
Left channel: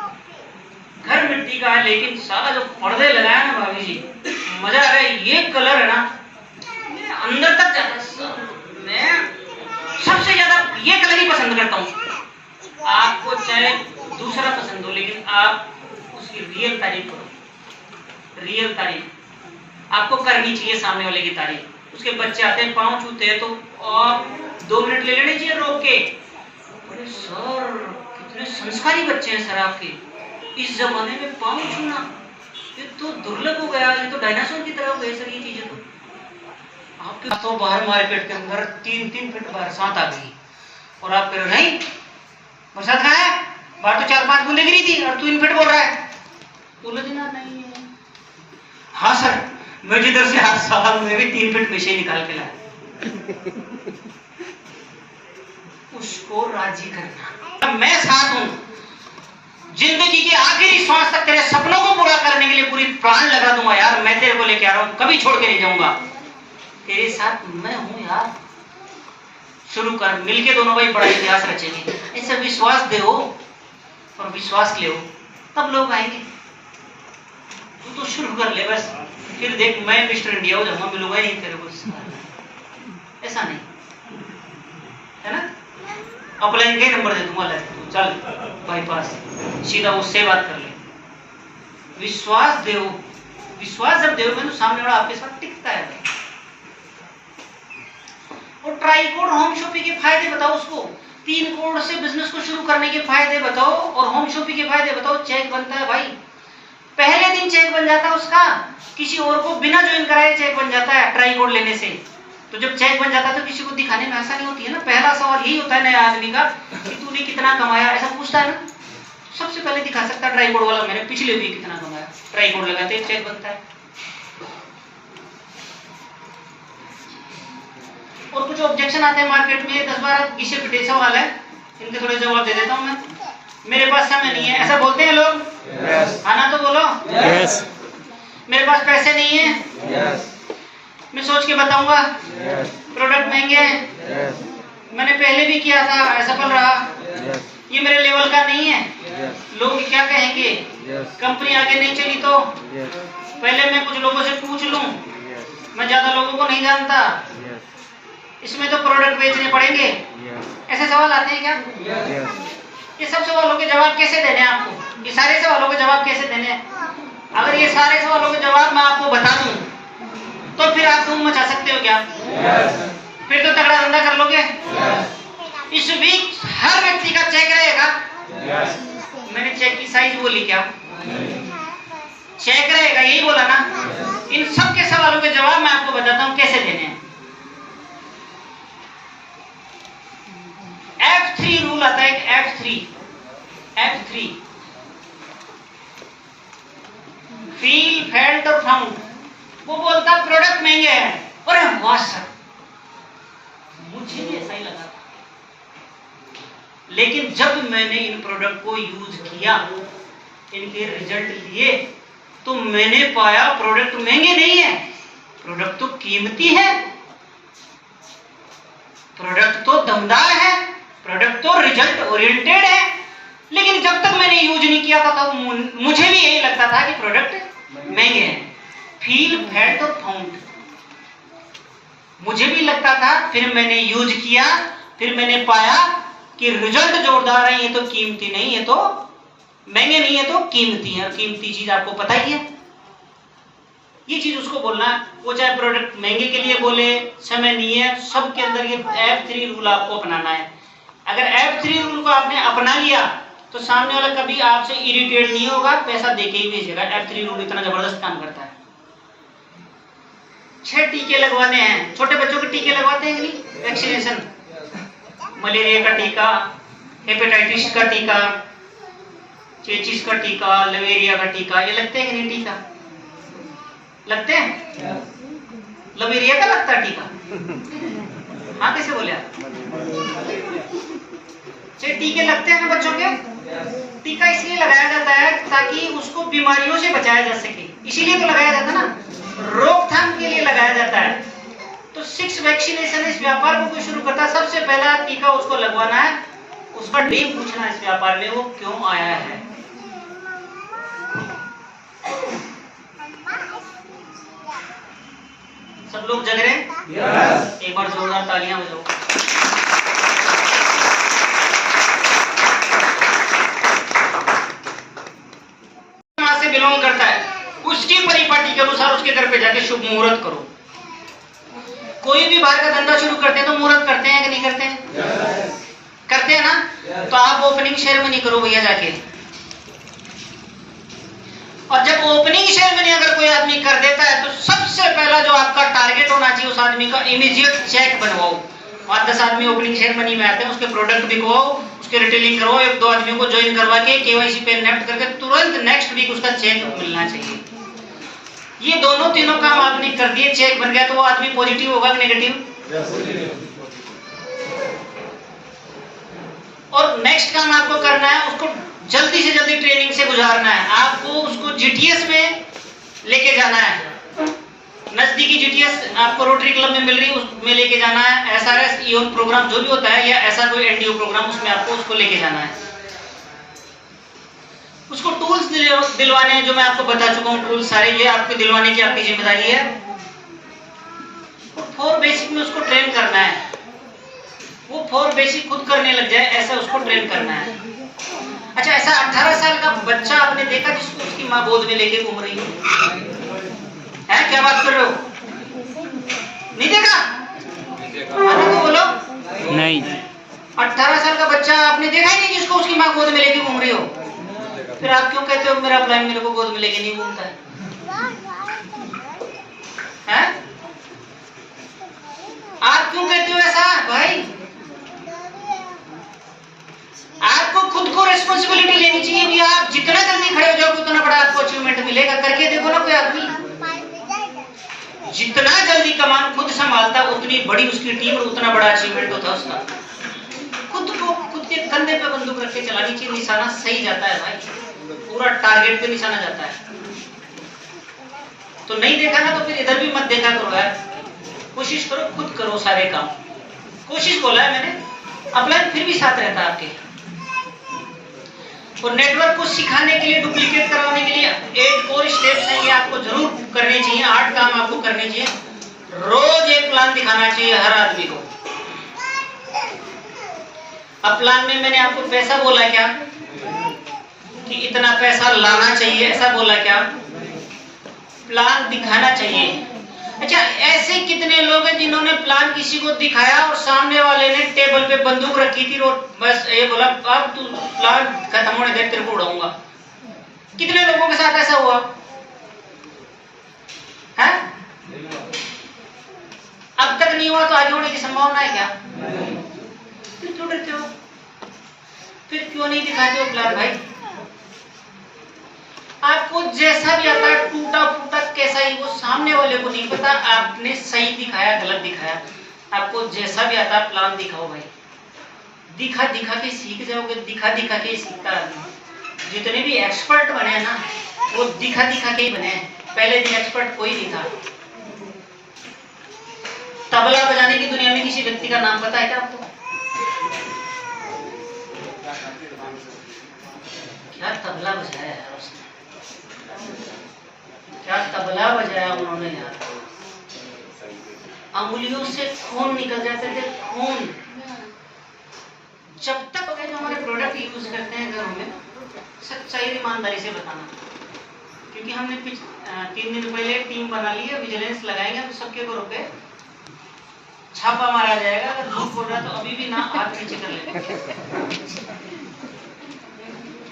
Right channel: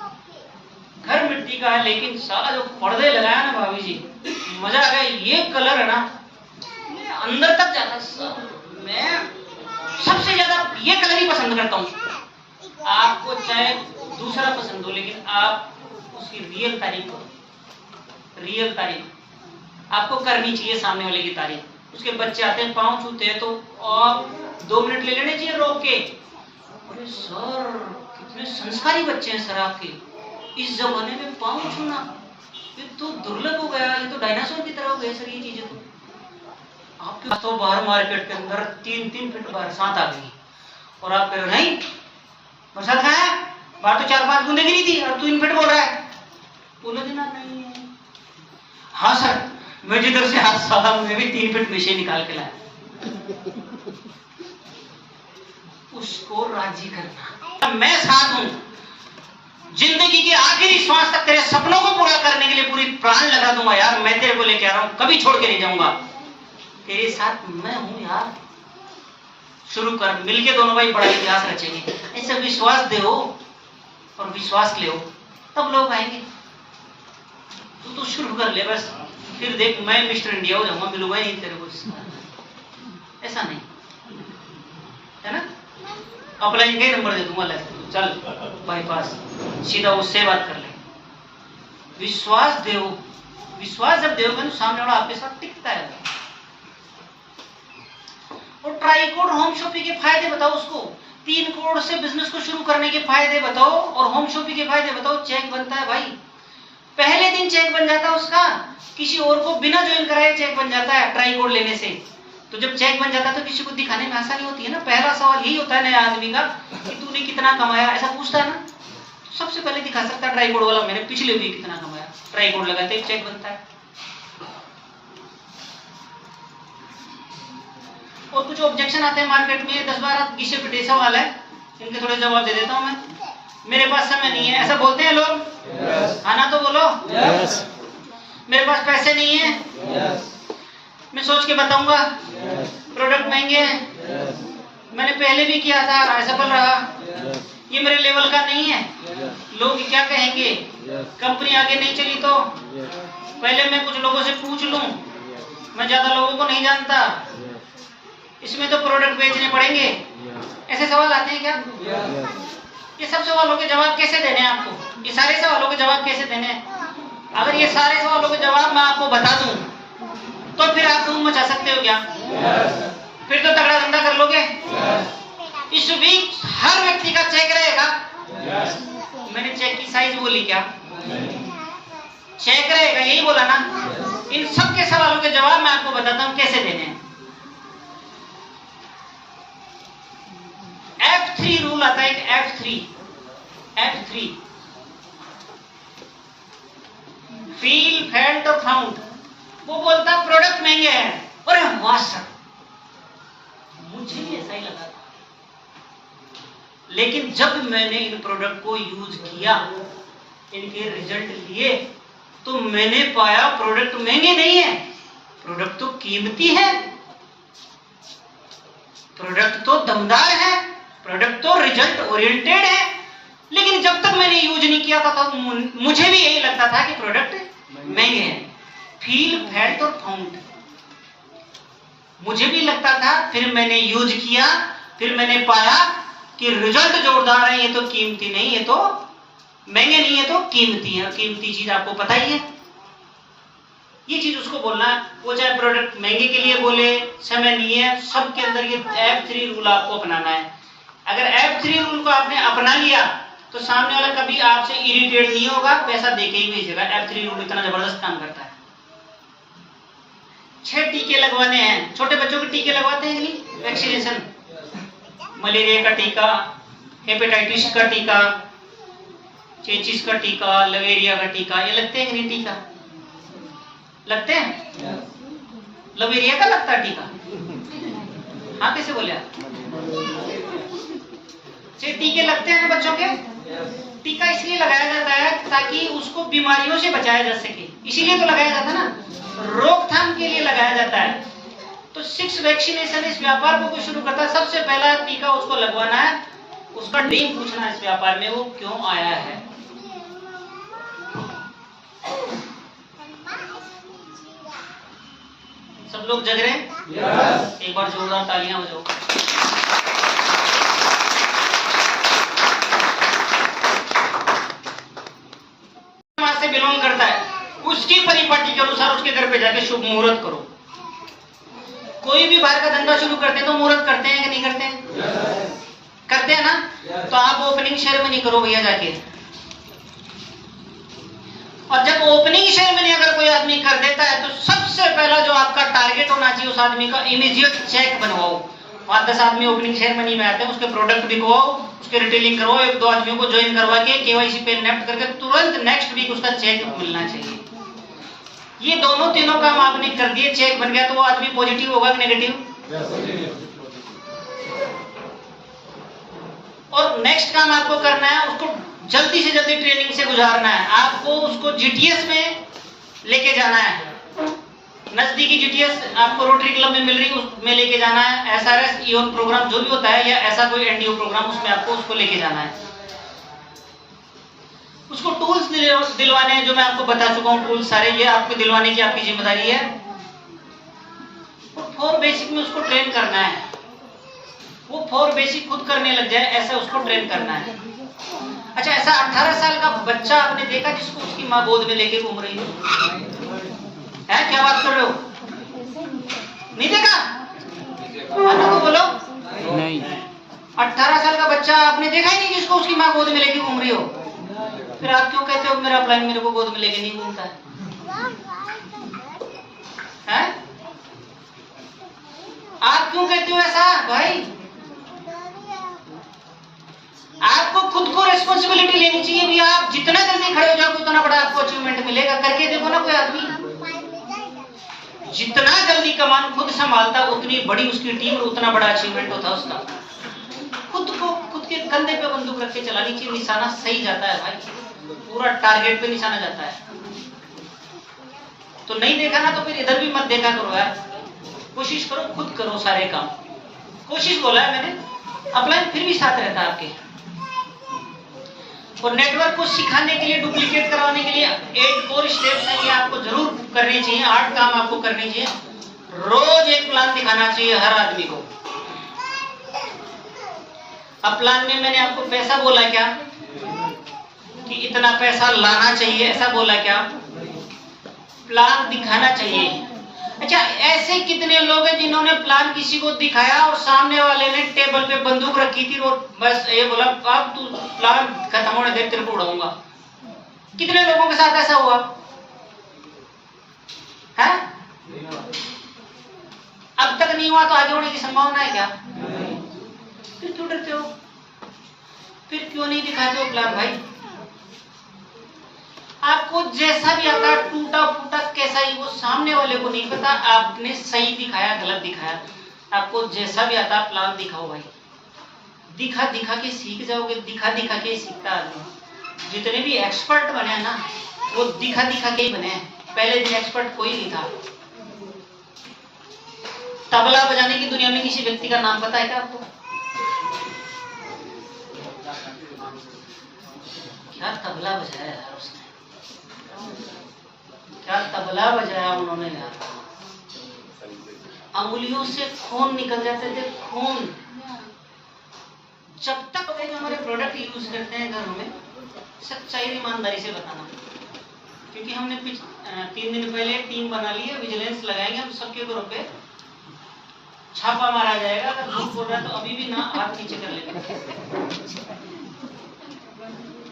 घर मिट्टी का है लेकिन सारा जो पर्दे लगाया ना भाभी जी, मजा आ गया। ये कलर है ना, ये अंदर तक जाता है। मैं सबसे ज्यादा ये कलर ही पसंद करता हूँ। आपको चाहे दूसरा पसंद हो, लेकिन आप उसकी रियल तारीफ करो। रियल तारीफ आपको करनी चाहिए, सामने वाले की तारीफ। उसके बच्चे आते हैं, पाँव छूते हैं, तो आप 2 मिनट ले लेने चाहिए रोक के। अरे सर कितने संस्कारी बच्चे हैं सर आपके, इस जमाने में पाँव छूना ये तो दुर्लभ हो गया, ये तो डायनासोर की तरह हो गए सर ये चीजें। तो आपके तो बाहर मार्केट के अंदर 3-3 फीट बरसात आ गई और आप कह रहे नहीं बरसात कहाँ है, बाहर तो 4-5 बूंदे गिरी थी और तू 3 फीट बोल रहा है। बोलो जी ना नहीं है। हाँ सर मैं जिधर से हाथ साला मैं भी 3 फीट विषय निकाल के लाया। उसको राजी करना। मैं साथ हूं, जिंदगी के आखिरी श्वास तक तेरे सपनों को पूरा करने के लिए पूरी प्राण लगा दूंगा यार। मैं तेरे को लेके आ रहा हूं, कभी छोड़ के नहीं जाऊंगा। तेरे साथ मैं हूं यार। शुरू कर, मिलके दोनों भाई बड़ा इतिहास रचेंगे। ऐसे विश्वास दे और विश्वास ले, तब लोग आएंगे। तू तो शुरू कर ले बस, फिर देख मैं मिस्टर इंडिया हो जाऊंगा, मिलूंगा ही तेरे को। ऐसा नहीं है ना। अपलाइन के नंबर दे दूंगा, चल बाईपास सीधा उससे बात कर ले। विश्वास दे, विश्वास जब दोगे तो सामने वाला आपके साथ टिकता है। और ट्राइकोड होम शॉपिंग के फायदे बताओ उसको। 3 करोड़ से बिजनेस को शुरू करने के फायदे बताओ और होम शॉपिंग के फायदे बताओ। चेक बनता है भाई, पहले दिन चेक बन जाता है उसका, किसी और को बिना ज्वाइन कराए चेक बन जाता है ट्राइकोड लेने से। तो जब चेक बन जाता है तो किसी को दिखाने में आसानी होती है ना। पहला सवाल यही होता है नया आदमी का कि तूने कितना कमाया, ऐसा पूछता है ना। सबसे पहले दिखा सकता है ट्राइकोड वाला, मैंने पिछले वीक कितना कमाया। ट्राइकोड लगाते चेक बनता है। और कुछ ऑब्जेक्शन आते हैं मार्केट में, 10-12 विषय पिटे सवाल है, इनके थोड़े जवाब दे देता हूं मैं। मेरे पास समय नहीं है, ऐसा बोलते हैं लोग। हाँ ना तो बोलो। यस। मेरे पास पैसे नहीं है। मैं सोच के बताऊंगा। प्रोडक्ट महंगे हैं। मैंने पहले भी किया था, असफल रहा। ये मेरे लेवल का नहीं है। लोग क्या कहेंगे, कंपनी आगे नहीं चली तो। पहले मैं कुछ लोगों से पूछ लूं, मैं ज्यादा लोगों को नहीं जानता, इसमें तो प्रोडक्ट बेचने पड़ेंगे। ऐसे सवाल आते हैं क्या? ये सब सवालों के जवाब कैसे देने हैं आपको? ये सारे सवालों के जवाब कैसे देने हैं? अगर ये सारे सवालों के जवाब मैं आपको बता दूं तो फिर आप धूम मचा सकते हो क्या? फिर तो तगड़ा धंधा कर लोगे। इस बीच हर व्यक्ति का चेक रहेगा। मैंने चेक की साइज बोली क्या? चेक रहेगा, यही बोला ना। इन सब के सवालों के जवाब मैं आपको बताता हूं कैसे देने हैं। F3 रूल आता है, F3 फील, फेल्ट और फाउंड। वो बोलता प्रोडक्ट महंगे हैं। अरे वाह सर, मुझे भी ऐसा ही लगा था, लेकिन जब मैंने इन प्रोडक्ट को यूज किया, इनके रिजल्ट लिए, तो मैंने पाया प्रोडक्ट महंगे नहीं है, प्रोडक्ट तो कीमती है, प्रोडक्ट तो दमदार है, प्रोडक्ट तो रिजल्ट ओरिएंटेड है। लेकिन जब तक मैंने यूज नहीं किया था तब मुझे भी यही लगता था कि प्रोडक्ट महंगे हैं। फील, फैट और फाउंड। मुझे भी लगता था, फिर मैंने यूज किया, फिर मैंने पाया कि रिजल्ट जोरदार है। ये तो कीमती नहीं, ये तो महंगे नहीं, है तो कीमती है। कीमती चीज आपको पता ही है, ये चीज उसको बोलना है। वो चाहे प्रोडक्ट महंगे के लिए बोले, समय नहीं है, सबके अंदर ये F3 रूल आपको अपनाना है। अगर F3 रूल को आपने अपना लिया तो सामने वाला कभी आपसे इरिटेट नहीं होगा, पैसा देके ही भेजेगा। F3 रूल इतना जबरदस्त काम करता है। 6 टीके लगवाने हैं, छोटे बच्चों के टीके लगवाते हैं नहीं, वैक्सीनेशन, मलेरिया का टीका, हेपेटाइटिस का टीका, चेचिस का टीका, लवेरिया का टीका, ये लगते हैं नहीं टीका? लगते हैं? लवेरिया का लगता है टीका? हाँ, कैसे बोले आप? टीके लगते हैं ना बच्चों के। टीका इसलिए लगाया जाता है ताकि उसको बीमारियों से बचाया जा सके, इसीलिए तो लगाया जाता है ना, रोकथाम के लिए लगाया जाता है। तो 6 वैक्सीनेशन इस व्यापार को कोई शुरू करता है, सबसे पहला टीका उसको लगवाना है, उसका ड्रीम पूछना है इस व्यापार में वो क्यों आया है। सब लोग जग रहे हैं? yes. एक बार जोरदार तालियां हो जाओ। से बिलोंग करता है, उसकी परिपाटी के अनुसार उसके घर पे जाके शुभ मुहूर्त करो। कोई भी बाहर का धंधा शुरू करते हैं तो मुहूर्त करते हैं कि नहीं करते हैं? yes. करते हैं ना? yes. तो आप ओपनिंग सेरेमनी करो भैया जाके। और जब ओपनिंग सेरेमनी अगर कोई आदमी कर देता है तो सबसे पहला जो आपका टारगेट होना चाहिए उस आदमी का, इमीडिएट चेक बनवाओ। 5-10 आदमी ओपनिंग सेरेमनी में आते हैं, उसके प्रोडक्ट बिकवाओ, उसके रिटेलिंग करवाओ, 1-2 आदमियों को ज्वाइन करवा के केवाईसी पे नेफ्ट करके तुरंत नेक्स्ट वीक उसका चेक मिलना चाहिए। ये दोनों तीनों काम आपने कर दिए, चेक बन गया, तो वो आदमी पॉजिटिव होगा कि नेगेटिव? और नेक्स्ट काम आपको करना है, उसको जल्दी से जल्दी ट्रेनिंग से गुजारना है। आपको उसको जीटीएस में लेके जाना है, नजदीकी जीटीएस आपको रोटरी क्लब में मिल रही है उसमें लेके जाना है। एसआरएस ईओन प्रोग्राम जो भी होता है या ऐसा कोई एनडीओ प्रोग्राम, उसमें आपको उसको लेके जाना है। उसको टूल्स दिलवाने हैं जो मैं आपको बता चुका हूँ, टूल्स सारे ये आपको दिलवाने की आपकी जिम्मेदारी है। 4 बेसिक में उसको ट्रेन करना है, वो 4 बेसिक खुद करने लग जाए ऐसा उसको ट्रेन करना है। अच्छा, ऐसा 18 साल का बच्चा आपने देखा जिसको उसकी माँ गोद में लेके घूम रही है? क्या बात कर रहे हो? नहीं देखा? तो बोलो नहीं। 18 साल का बच्चा आपने देखा ही नहीं जिसको उसकी माँ गोद में लेके घूम रही हो? फिर आप क्यों कहते हो मेरा प्लान मेरे को गोद में लेके नहीं घूमता है? आप क्यों कहते हो ऐसा भाई? आपको खुद को रिस्पॉन्सिबिलिटी लेनी चाहिए भैया। आप जितना जल्दी खड़े हो जाओगे उतना बड़ा आपको अचीवमेंट मिलेगा। करके देखो ना कोई आदमी, जितना जल्दी कमान खुद संभालता उतनी बड़ी उसकी टीम और उतना बड़ा अचीवमेंट होता है उसका। खुद को खुद के कंधे पे बंदूक रख के चलानी चाहिए, निशाना सही जाता है भाई, पूरा टारगेट पे निशाना जाता है। तो नहीं देखा ना तो फिर इधर भी मत देखा करो यार, कोशिश करो, खुद करो सारे काम। कोशिश बोला है मैंने, अपना फिर भी साथ रहता है आपके। और नेटवर्क को सिखाने के लिए, डुप्लीकेट करवाने के लिए 8 कोर स्टेप्स हैं, ये आपको जरूर करनी चाहिए। 8 काम आपको करने चाहिए। रोज एक प्लान दिखाना चाहिए हर आदमी को। अब प्लान में मैंने आपको पैसा बोला क्या कि इतना पैसा लाना चाहिए, ऐसा बोला क्या? प्लान दिखाना चाहिए। अच्छा, ऐसे कितने लोग हैं जिन्होंने प्लान किसी को दिखाया और सामने वाले ने टेबल पे बंदूक रखी थी और बस ये बोला अब तू प्लान खत्म होने दे, तेरे को उड़ाऊंगा। कितने लोगों के साथ ऐसा हुआ है? अब तक नहीं हुआ तो आगे होने की संभावना है क्या? फिर क्यों डरते हो? फिर क्यों नहीं दिखाते हो प्लान भाई? आपको जैसा भी आता है, टूटा फूटा कैसा ही, वो सामने वाले को नहीं पता आपने सही दिखाया गलत दिखाया। आपको जैसा भी आता है प्लान दिखाओ भाई। दिखा दिखा के सीख जाओगे, दिखा दिखा के सीखता है। जितने भी एक्सपर्ट बने हैं ना वो दिखा दिखा के ही बने हैं। पहले दिन एक्सपर्ट कोई नहीं था। तबला बजाने की दुनिया में किसी व्यक्ति का नाम पता है क्या आपको? क्या तबला बजाया यार उसने? क्या तबला बजाया उन्होंने यार, अंगुलियों से खून निकल जाते थे, खून। जब तक जो हमारे प्रोडक्ट यूज करते हैं घरों में, सच्चाई ईमानदारी से बताना, क्योंकि हमने 3 दिन पहले एक टीम बना ली है, विजिलेंस लगाएंगे हम सबके घरों पे, छापा मारा जाएगा। अगर झूठ बोल रहा है तो अभी भी ना हाथ नीचे कर लेना।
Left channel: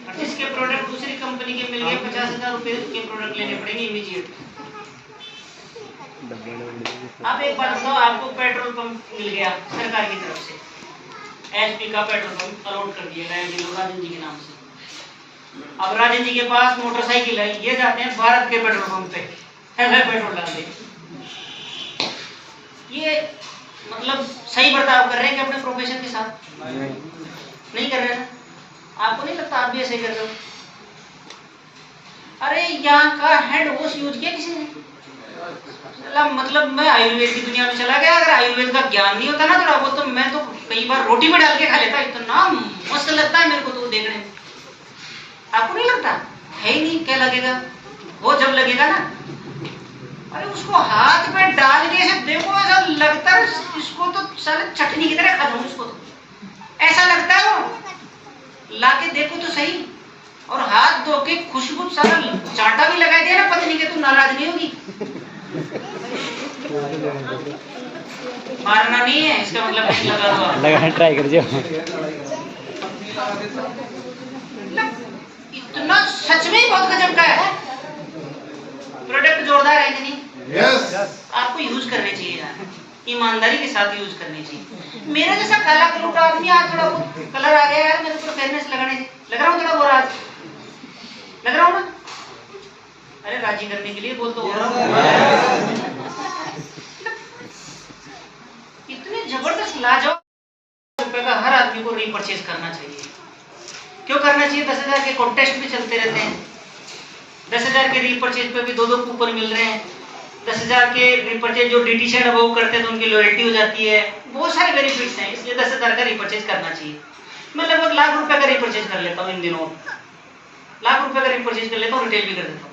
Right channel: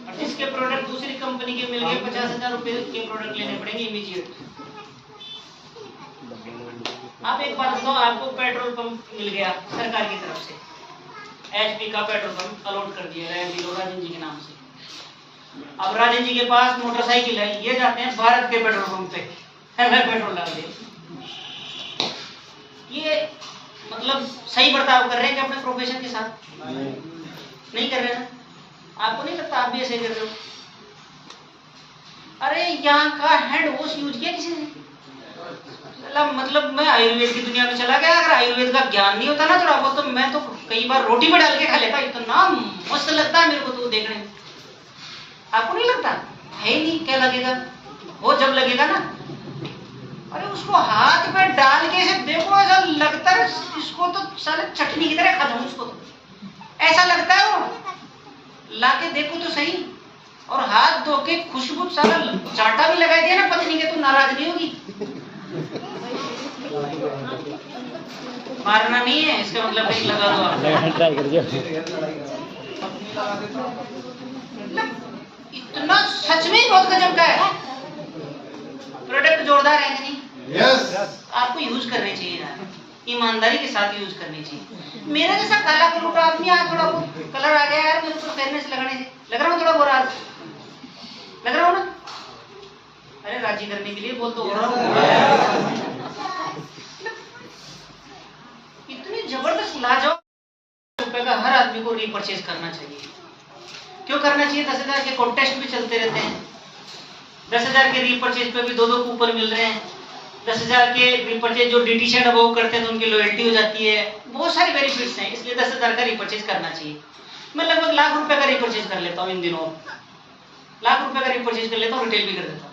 और जिसके प्रोडक्ट दूसरी कंपनी के मिल गए 50,000 रुपए के प्रोडक्ट लेने पड़ेंगे इमीडिएट। आप एक बार बताओ, आपको पेट्रोल पंप मिल गया सरकार की तरफ से, HP का पेट्रोल पंप अलॉट कर दिया गया राजन जी के नाम से। अब राजन जी के पास मोटरसाइकिल है, ये जाते हैं भारत के पेट्रोल पंप पे, पेट्रोल डाल दे। ये मतलब सही बर्ताव कर रहे हैं कि अपने प्रोफेशन के साथ? नहीं कर रहे ना? आपको नहीं लगता आप भी ऐसे ही कर रहे हो? अरे यहाँ का हैंड वॉश यूज किया किसी ने? मतलब मैं आयुर्वेद की दुनिया में चला गया। अगर आयुर्वेद का ज्ञान नहीं होता ना थोड़ा बहुत, तो मैं तो कई बार रोटी में डाल के खा लेता। इतना मस्त लगता है मेरे को तो देखने में। आपको नहीं लगता? है ही नहीं, क्या लगेगा वो जब लगेगा ना। अरे उसको हाथ में डाल के ऐसे देखो, ऐसा लगता है इसको तो साले चटनी की तरह खा जाऊं इसको, तो ऐसा लगता है वो। लाके देखो तो सही, और हाथ धो के खुशबू सारा चाटा भी लगा दिया ना पत्नी के, तो नाराज नहीं होगी? मारना नहीं है इसका मतलब, नहीं लगा ट्राई कर दिया। इतना सच में बहुत गजब का है प्रोडक्ट, जोरदार है कि नहीं? यस। आपको यूज करने चाहिए यार, ईमानदारी के साथ यूज करनी चाहिए। मेरा जैसा काला कलूटा आदमी, आज थोड़ा बहुत कलर आ गया यार मेरे ऊपर फेयरनेस लगाने से, लग रहा हूँ थोड़ा गोरा, आज लग रहा हूँ ना? अरे राजी करने के लिए बोल दो। इतनी जबरदस्त लाजवाब रुपए का हर आदमी को रीपरचेज करना चाहिए। क्यों करना चाहिए? 10,000 के कॉन्टेस्ट भी चलते रहते हैं, 10,000 के रीपरचेज पे भी 2-2 कूपन मिल रहे हैं, 10,000 के रीपरचेज जो DT शेड अबव करते हैं तो उनकी लॉयल्टी हो जाती है, बहुत सारे बेनिफिट्स हैं। इसलिए 10,000 का रीपरचेज करना चाहिए। मैं लगभग लाख रुपए का रीपरचेज कर लेता हूँ इन दिनों, लाख रुपए का रीपरचेज कर लेता हूँ, रिटेल भी कर देता हूँ।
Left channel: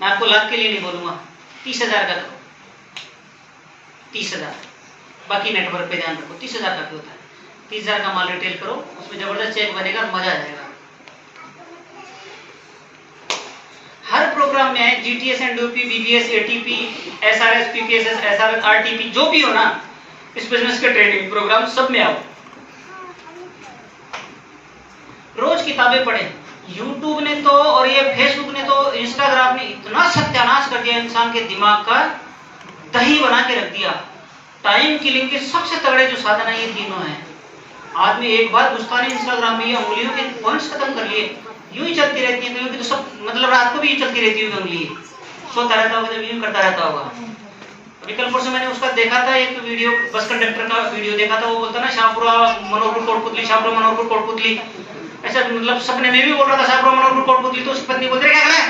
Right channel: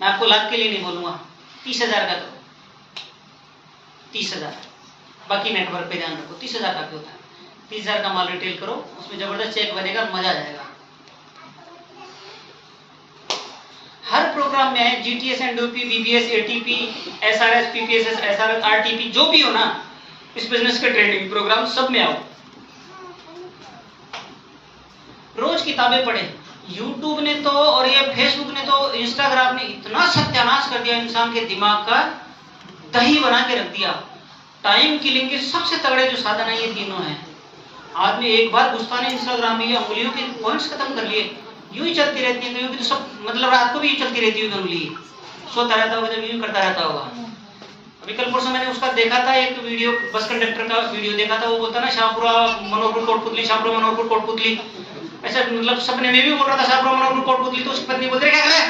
मैं आपको लाख के लिए नहीं बोलूंगा, 30,000 का करो, 30,000, बाकी नेटवर्क पे ध्यान रखो। 30,000 का क्यों होता है? 30,000 का माल रिटेल करो, उसमें जबरदस्त चेक बनेगा, मजा आ जाएगा। हर प्रोग्राम में है GTS, NDP, BBS, ATP, SRS, PPSS, SRS, RTP, जो भी हो ना इस बिजनेस के ट्रेनिंग प्रोग्राम, सब में आओ। रोज किताबें पढ़े। YouTube ने तो और ये Facebook ने तो, इंस्टाग्राम ने इतना सत्यानाश कर दिया इंसान के दिमाग का, दही बना के रख दिया। टाइम किलिंग के सबसे तगड़े जो साधन है ये तीनों हैं। आदमी एक बार घुसता नहीं इंस्टाग्राम में, ये अंगुलियों के पॉइंट्स खत्म कर लिए, यूं ही चलती रहती है। तो सब मतलब रात को भी यूं चलती रहती होगी अंगुली, सोता रहता होगा तो यूं करता रहता होगा। अभी कल परसों मैंने उसका देखा था एक वीडियो, बस कंडक्टर का वीडियो देखा था। वो बोलता ना शाहपुरा मनोहरपुर कोटपुतली, शाहपुरा मनोहरपुर कोटपुतली, ऐसा मतलब सपने में भी बोल रहा था शाहपुरा मनोहरपुर कोटपुतली। तो उसकी पत्नी बोलते क्या कर रहा है?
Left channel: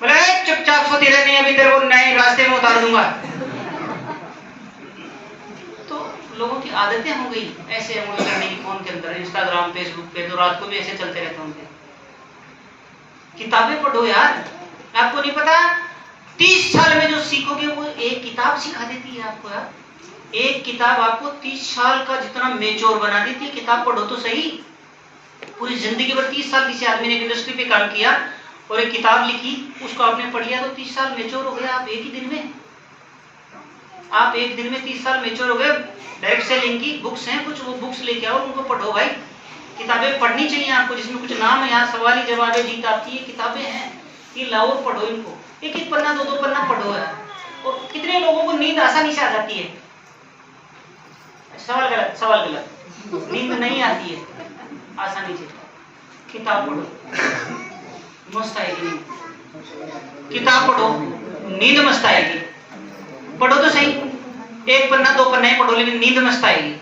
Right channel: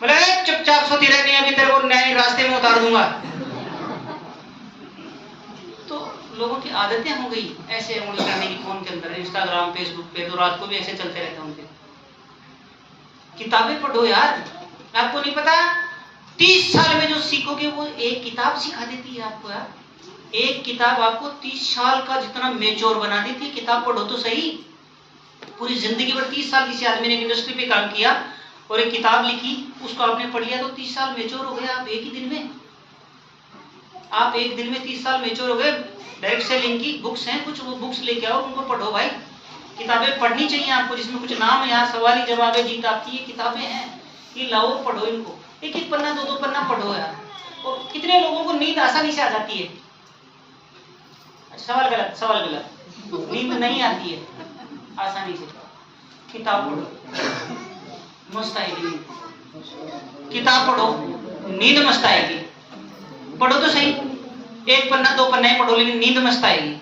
बोले चुपचाप सोती रहनी है, अभी तेरे को नए रास्ते में उतार दूंगा। तो लोगों की आदतें हो गई ऐसे अमल करने की फोन के अंदर, इंस्टाग्राम, फेसबुक पे, तो रात को भी ऐसे चलते रहते होंगे। किताबें पढ़ो यार, आपको नहीं पता 30 साल में जो सीखोगे वो एक किताब सिखा देती है आपको यार। एक किताब आपको 30 साल का जितना मेच्योर बना देती है। किताब पढ़ो तो सही। पूरी जिंदगी भर 30 साल किसी आदमी ने इंडस्ट्री पे काम किया और एक किताब लिखी, उसको आपने पढ़ लिया तो 30 साल मेच्योर हो गए आप एक ही दिन में। आप एक दिन में 30 साल मेच्योर हो गए। डायरेक्ट सेलिंग की बुक्स हैं कुछ, वो बुक्स लेके आओ, उनको पढ़ो भाई। किताबें पढ़नी चाहिए आपको, जिसमें कुछ नाम है, यहाँ सवाली जवाबें जीत आती है, किताबें हैं, ये लाओ पढ़ो इनको। एक एक पन्ना, 2-2 पन्ना पढ़ो यार। और कितने लोगों को नींद आसानी से आ जाती है? सवाल गलत, सवाल गलत। नींद नहीं आती है आसानी से। किताब पढ़ो, मस्त आएगी नींद। किताब पढ़ो, नींद मस्त आएगी। पढ़ो तो सही, 1 पन्ना 2 पन्ना ही पढ़ो, लेकिन नींद मस्त आएगी।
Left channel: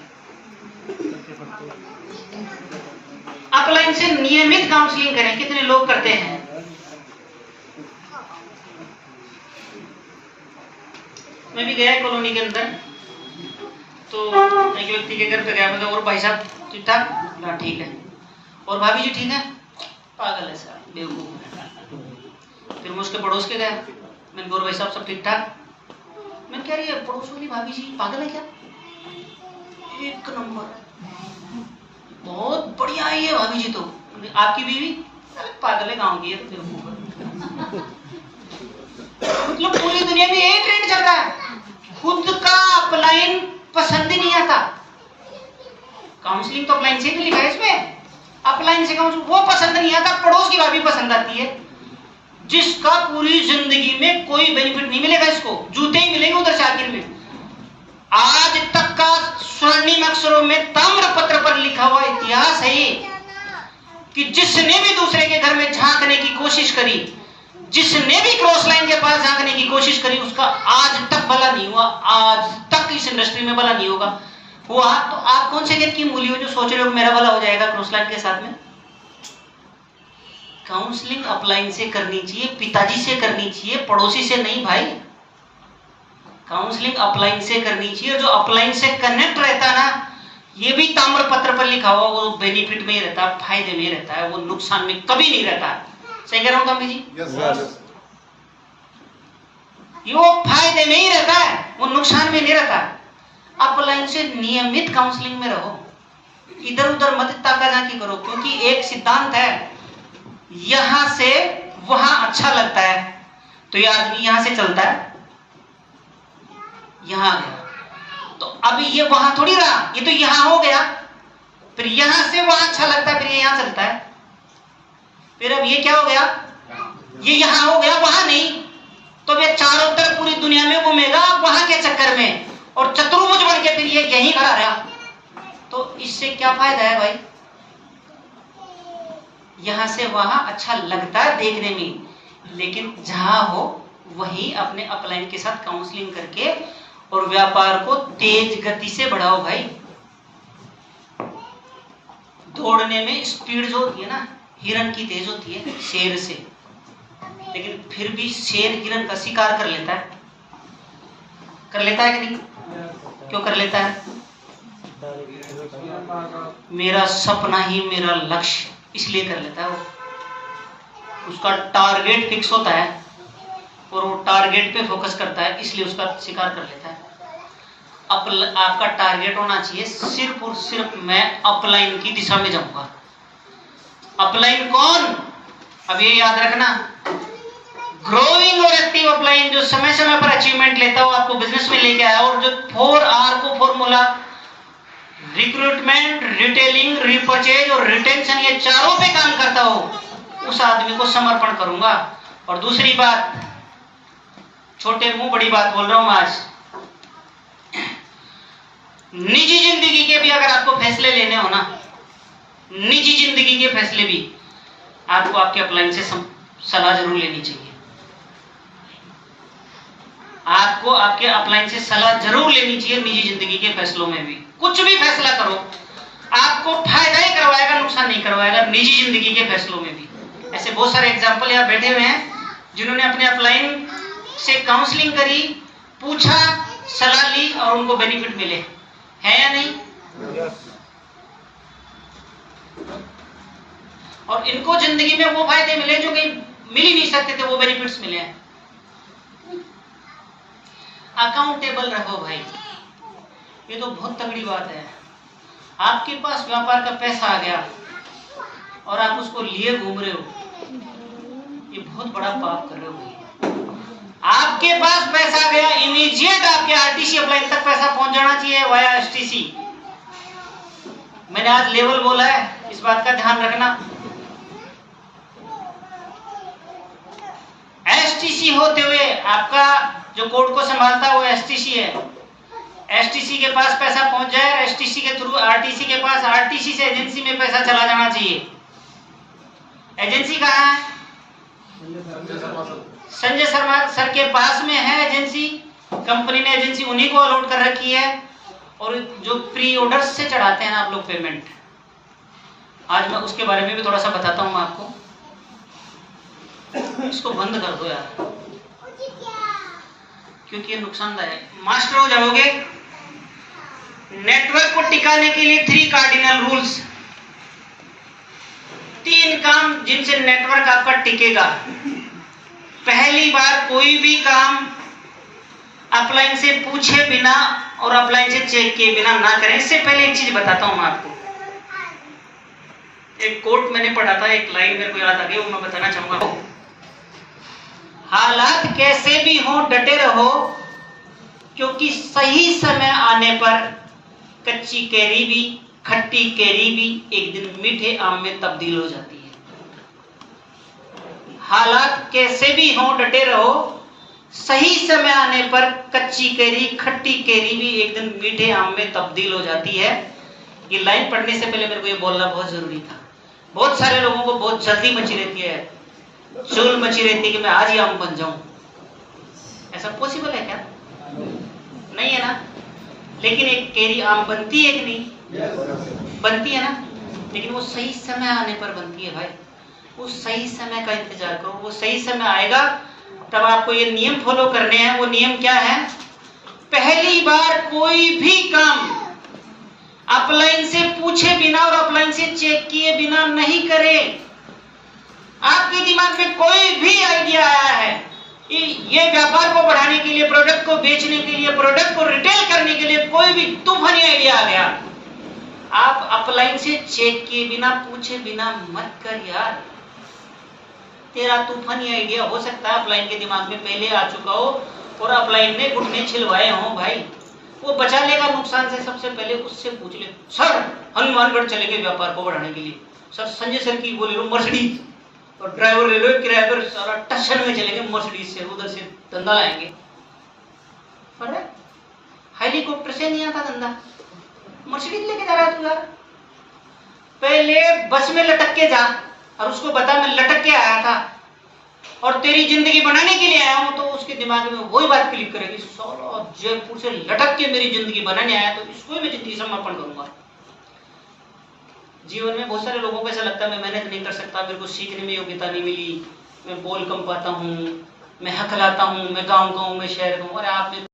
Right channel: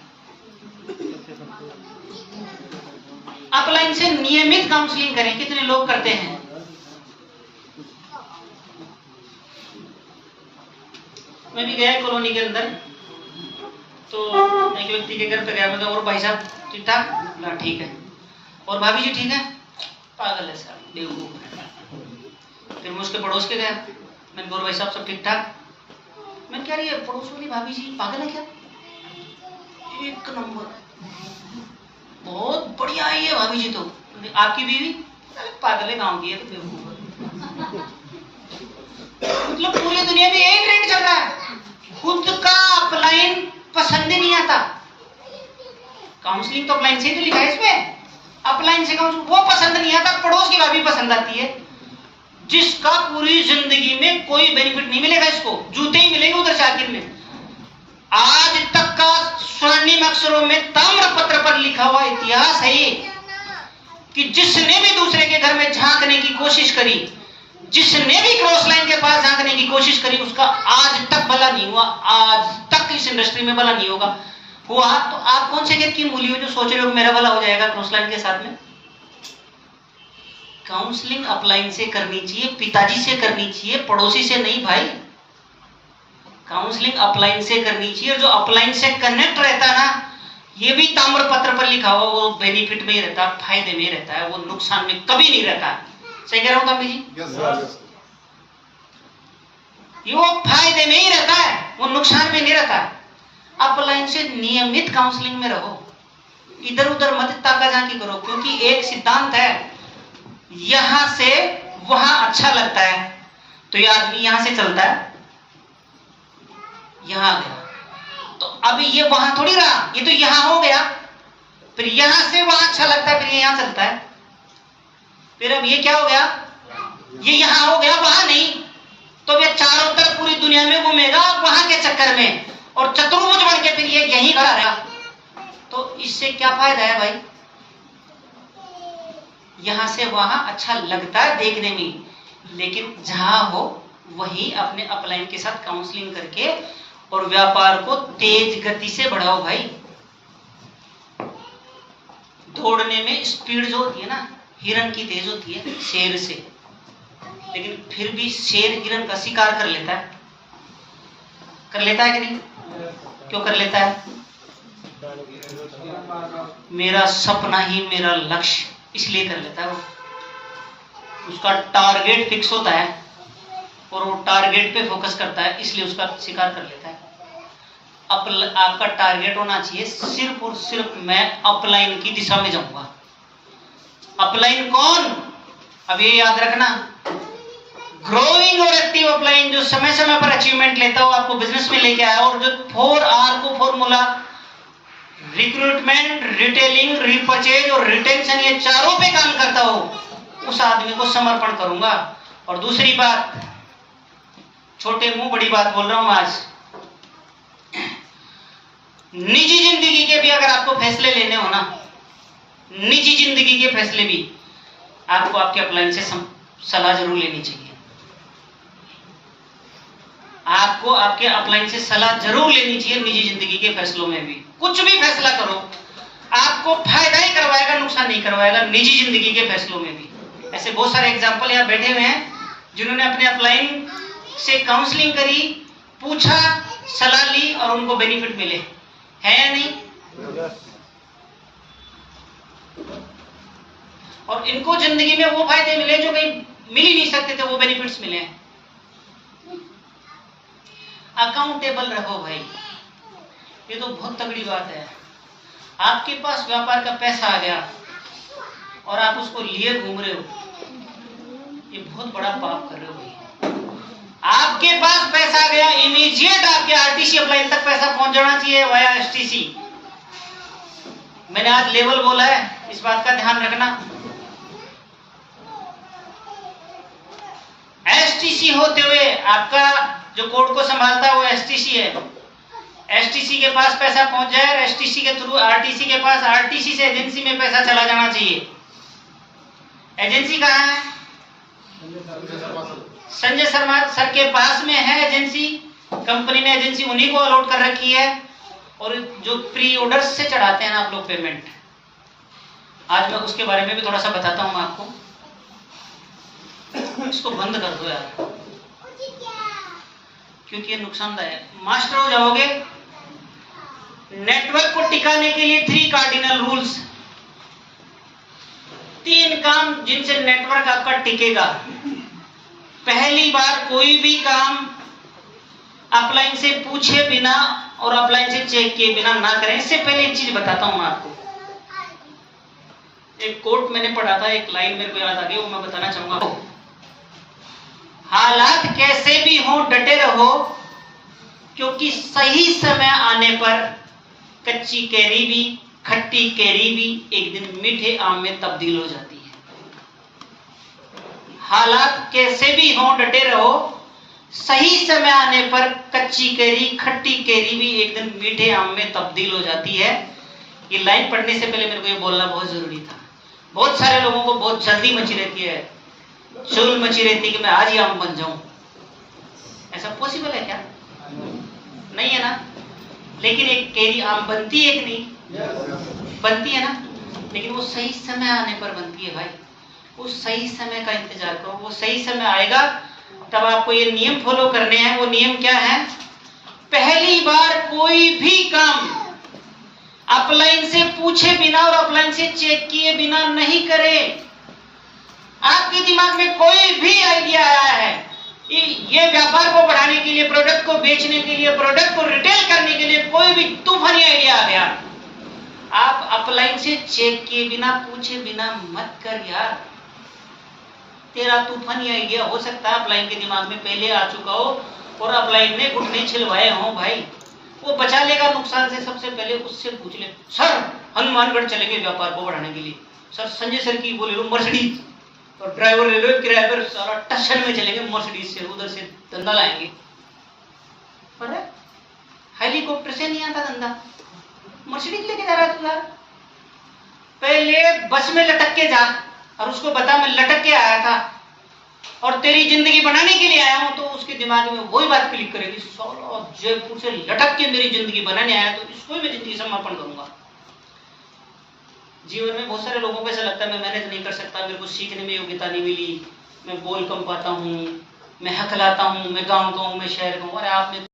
अपलाइन से नियमित काउंसलिंग करें, कितने लोग करते हैं? मैं भी गया कॉलोनी के अंदर, तो एक व्यक्ति के घर पे गया। मैं और भाई साहब ठीक ठाक? ना ठीक है। और भाभी जी ठीक है? पागल है साहब, बेवकूफ है। फिर मैं उसके पड़ोस के गया, मैंने बोल भाई साहब सब ठीक ठाक? मैंने कह रही है पड़ोस वाली भाभी जी पागल है क्या? एक नंबर, बहुत बढ़िया है ये भाभी जी। तो आपकी बीवी? अरे पागल है, गाँव की है तो बेवकूफ। मतलब पूरी दुनिया में यही ट्रेंड चल रहा है, खुद का अपलाइन पसंद ही नहीं आता। काउंसलिंग तो अपलाइन से ही तो लिखा है इसमें, अपलाइन से काउंसलिंग वो पसंद नहीं आता, पड़ोस की भाभी पसंद आती है, जिसका पूरी जिंदगी में कोई बेनिफिट नहीं मिलेगा, इसको जूते ही मिलेंगे उधर साकिन में। आज तक का स्वर्णिम अक्षरों में ताम्रपत्र पर लिखा हुआ इतिहास है ये कि जिसने भी दूसरे के घर में झांकने की कोशिश करी, जिसने भी क्रॉस लाइन के पास झांकने की कोशिश करी, उसका आज तक भला नहीं हुआ, आज तक इस इंडस्ट्री में भला नहीं होगा। हुआ तो आप कौन से जग की मूली हो जो सोच रहे हो मेरा भला हो जाएगा क्रॉस लाइन के साथ में? काउंसलिंग अपलाइन से करनी चाहिए, पिताजी से करनी चाहिए, पड़ोसी से नहीं भाई। काउंसलिंग अपलाइन से करनी चाहिए, जो अपलाइन से कनेक्ट रहता ना, ये भी ताम्रपत्र पर लिखा हुआ, वो बेनिफिट में ही रहता, फायदे में रहता है, वो नुकसान में कभी नहीं रहता। सही कह रहा हूं कामी जी? Yes sir. ये वो फायदे में ही रहता है, वो नुकसान में नहीं रहता। अपलाइन से नियमित काउंसलिंग में रहो, इधर उधर मत ताका झांकी करो, क्योंकि एक सिद्धांत है, यहां से वहां अच्छा लगता है तो ये आदमी यहां से चलता है, यहां गया तो अभी ये वहां थोड़ी रहा, ये तो यहां हो गया, फिर यहां से वहां अच्छा लगता है, फिर ये यहां चलता है, फिर अब ये क्या हो गया, ये यहां हो गया वहां नहीं, तो ये चारों तरफ पूरी दुनिया में घूमेगा वहां के चक्कर में, और चतुर्भुज बन के फिर ये यहीं खड़ा रहा। तो इससे क्या फायदा है भाई? यहां से वहां अच्छा लगता है देखने में, लेकिन जहां हो वहीं अपने अपलाइन के साथ काउंसलिंग करके और व्यापार को तेज गति से बढ़ाओ भाई। दौड़ने में स्पीड जो होती है ना, हिरन की तेज होती है शेर से, लेकिन फिर भी शेर हिरन का शिकार कर लेता है कि नहीं? क्यों कर लेता है? मेरा सपना ही मेरा लक्ष्य, इसलिए कर लेता है वो। उसका टारगेट फिक्स होता है और वो टारगेट पे फोकस करता है, इसलिए उसका शिकार कर लेता है। आपका टारगेट होना चाहिए सिर्फ और सिर्फ मैं अपलाइन की दिशा में जाऊंगा। अपलाइन कौन? अब ये याद रखना, ग्रोइंग और एक्टिव अपलाइन जो समय समय पर अचीवमेंट लेता हो, आपको बिजनेस में लेके आया, और जो 4R को फॉर्मूला रिक्रूटमेंट, रिटेलिंग, रिपर्चेज और रिटेंशन, ये चारों पे काम करता हो, उस आदमी को समर्पण करूंगा। और दूसरी बात, छोटे मुंह बड़ी बात बोल रहा हूं आज, निजी जिंदगी के भी अगर आपको फैसले लेने हो ना, निजी जिंदगी के फैसले भी आपको आपके अपलाइन से सलाह जरूर लेनी चाहिए। आपको आपके अपलाइन से सलाह जरूर लेनी चाहिए निजी जिंदगी के फैसलों में भी। कुछ भी फैसला करो, आपको फायदा ही करवाएगा, नुकसान नहीं करवाएगा, निजी जिंदगी के फैसलों में भी। ऐसे बहुत सारे एग्जाम्पल यहाँ बैठे हुए हैं जिन्होंने अपने अपलाइन से काउंसलिंग करी, पूछा, सलाह ली और उनको बेनिफिट मिले, है या नहीं? और इनको जिंदगी में वो फायदे मिले जो कहीं मिल ही नहीं सकते थे, वो बेनिफिट्स मिले। अकाउंटेबल रहो भाई, ये तो बहुत तगड़ी बात है। आपके पास व्यापार का पैसा आ गया और आप उसको लिए घूम रहे हो, ये बहुत बड़ा पाप कर रहे हो भाई। आपके पास पैसा आ गया, इमीडिएट आपके आरटीसी अपलाइन तक पैसा पहुंच जाना चाहिए वाया एसटीसी। मैंने आज लेवल बोला है, इस बात का ध्यान रखना। एसटीसी होते हुए आपका जो कोड को संभालता है वो एसटीसी है, एसटीसी के पास पैसा पहुंच जाए, एसटीसी के थ्रू आरटीसी के पास, आरटीसी से एजेंसी में पैसा चला जाना चाहिए। एजेंसी कहाँ है? संजय शर्मा सर के पास में है एजेंसी, कंपनी ने एजेंसी उन्हीं को अलॉट कर रखी है। और जो प्री ऑर्डर्स से चढ़ाते हैं आप लोग पेमेंट, आज मैं उसके बारे में भी थोड़ा सा बताता हूं आपको। इसको बंद कर दो यार, क्योंकि ये नुकसानदायक। मास्टर हो जाओगे। नेटवर्क को टिकाने के लिए 3 कार्डिनल रूल्स, 3 काम जिनसे नेटवर्क आपका टिकेगा। पहली बार कोई भी काम अपलाइन से पूछे बिना और अपलाइन से चेक किए बिना ना करें। इससे पहले एक चीज बताता हूं मैं आपको। एक कोट मैंने पढ़ा था, एक लाइन मेरे को याद आ गई, वो मैं बताना चाहूंगा। हालात कैसे भी हो डटे रहो, क्योंकि सही समय आने पर कच्ची कैरी भी, खट्टी कैरी भी एक दिन मीठे आम में तब्दील हो जाती है। हालात कैसे भी हो डटे रहो, सही समय आने पर कच्ची कैरी, खट्टी कैरी भी एक दिन मीठे आम में तब्दील हो जाती है। ये लाइन पढ़ने से पहले मेरे को ये बोलना बहुत जरूरी था। बहुत सारे लोगों को बहुत जल्दी मची रहती है, चुल मची रहती है कि मैं आज ही आम बन जाऊं। ऐसा पॉसिबल है क्या? नहीं है ना। लेकिन एक कैरी आम बनती है कि नहीं? बनती है ना। लेकिन वो सही समय आने पर बनती है भाई। उस सही समय का इंतजार करो, वो सही समय आएगा तब आपको ये नियम फॉलो करने हैं। वो नियम क्या है? पहली बार कोई भी काम अपलाइन से पूछे बिना और अपलाइन से चेक किए बिना नहीं करें। आपके दिमाग में कोई भी आइडिया आया है, ये व्यापार को बढ़ाने के लिए, प्रोडक्ट को बेचने के लिए, प्रोडक्ट को रिटेल करने के लिए कोई भी तूफानी आइडिया आ गया, आप अपलाइन से चेक किए बिना, पूछे बिना मत कर यार। तेरा तूफानी आइडिया हो सकता है अपलाइन के दिमाग में पहले आ चुका हो और अपलाइन ने घुटने छिलवाए हो भाई। वो बचा लेगा नुकसान से। सबसे पहले उससे पूछ ले, सर हनुमानगढ़ चलेंगे व्यापार को बढ़ाने के लिए, सर संजय सर की बोले लो मर्सिडीज, और ड्राइवर ले लो किराए पर, सारा टशन में चलेंगे मर्सिडीज से, उधर से धंधा लाएंगे। पर हेलीकॉप्टर से नहीं आता धंधा, मर्सिडीज लेके जा रहा था। पहले बस में लटक के जा और उसको बता मैं लटक के आया था और तेरी जिंदगी बनाने के लिए आया हूं, तो उसके दिमाग में वही बात क्लिक करेगी, साला जयपुर से लटक के मेरी जिंदगी बनाने आया तो इसको ही मैं जिंदगी समापन करूंगा। जीवन में बहुत सारे लोगों को ऐसा लगता है मैं मेहनत नहीं कर सकता, मेरे को सीखने में योग्यता नहीं मिली, मैं बोल कम पाता हूँ, मैं हकलाता हूँ, मैं गाँव का हूँ, मैं शहर का हूँ। अरे आपने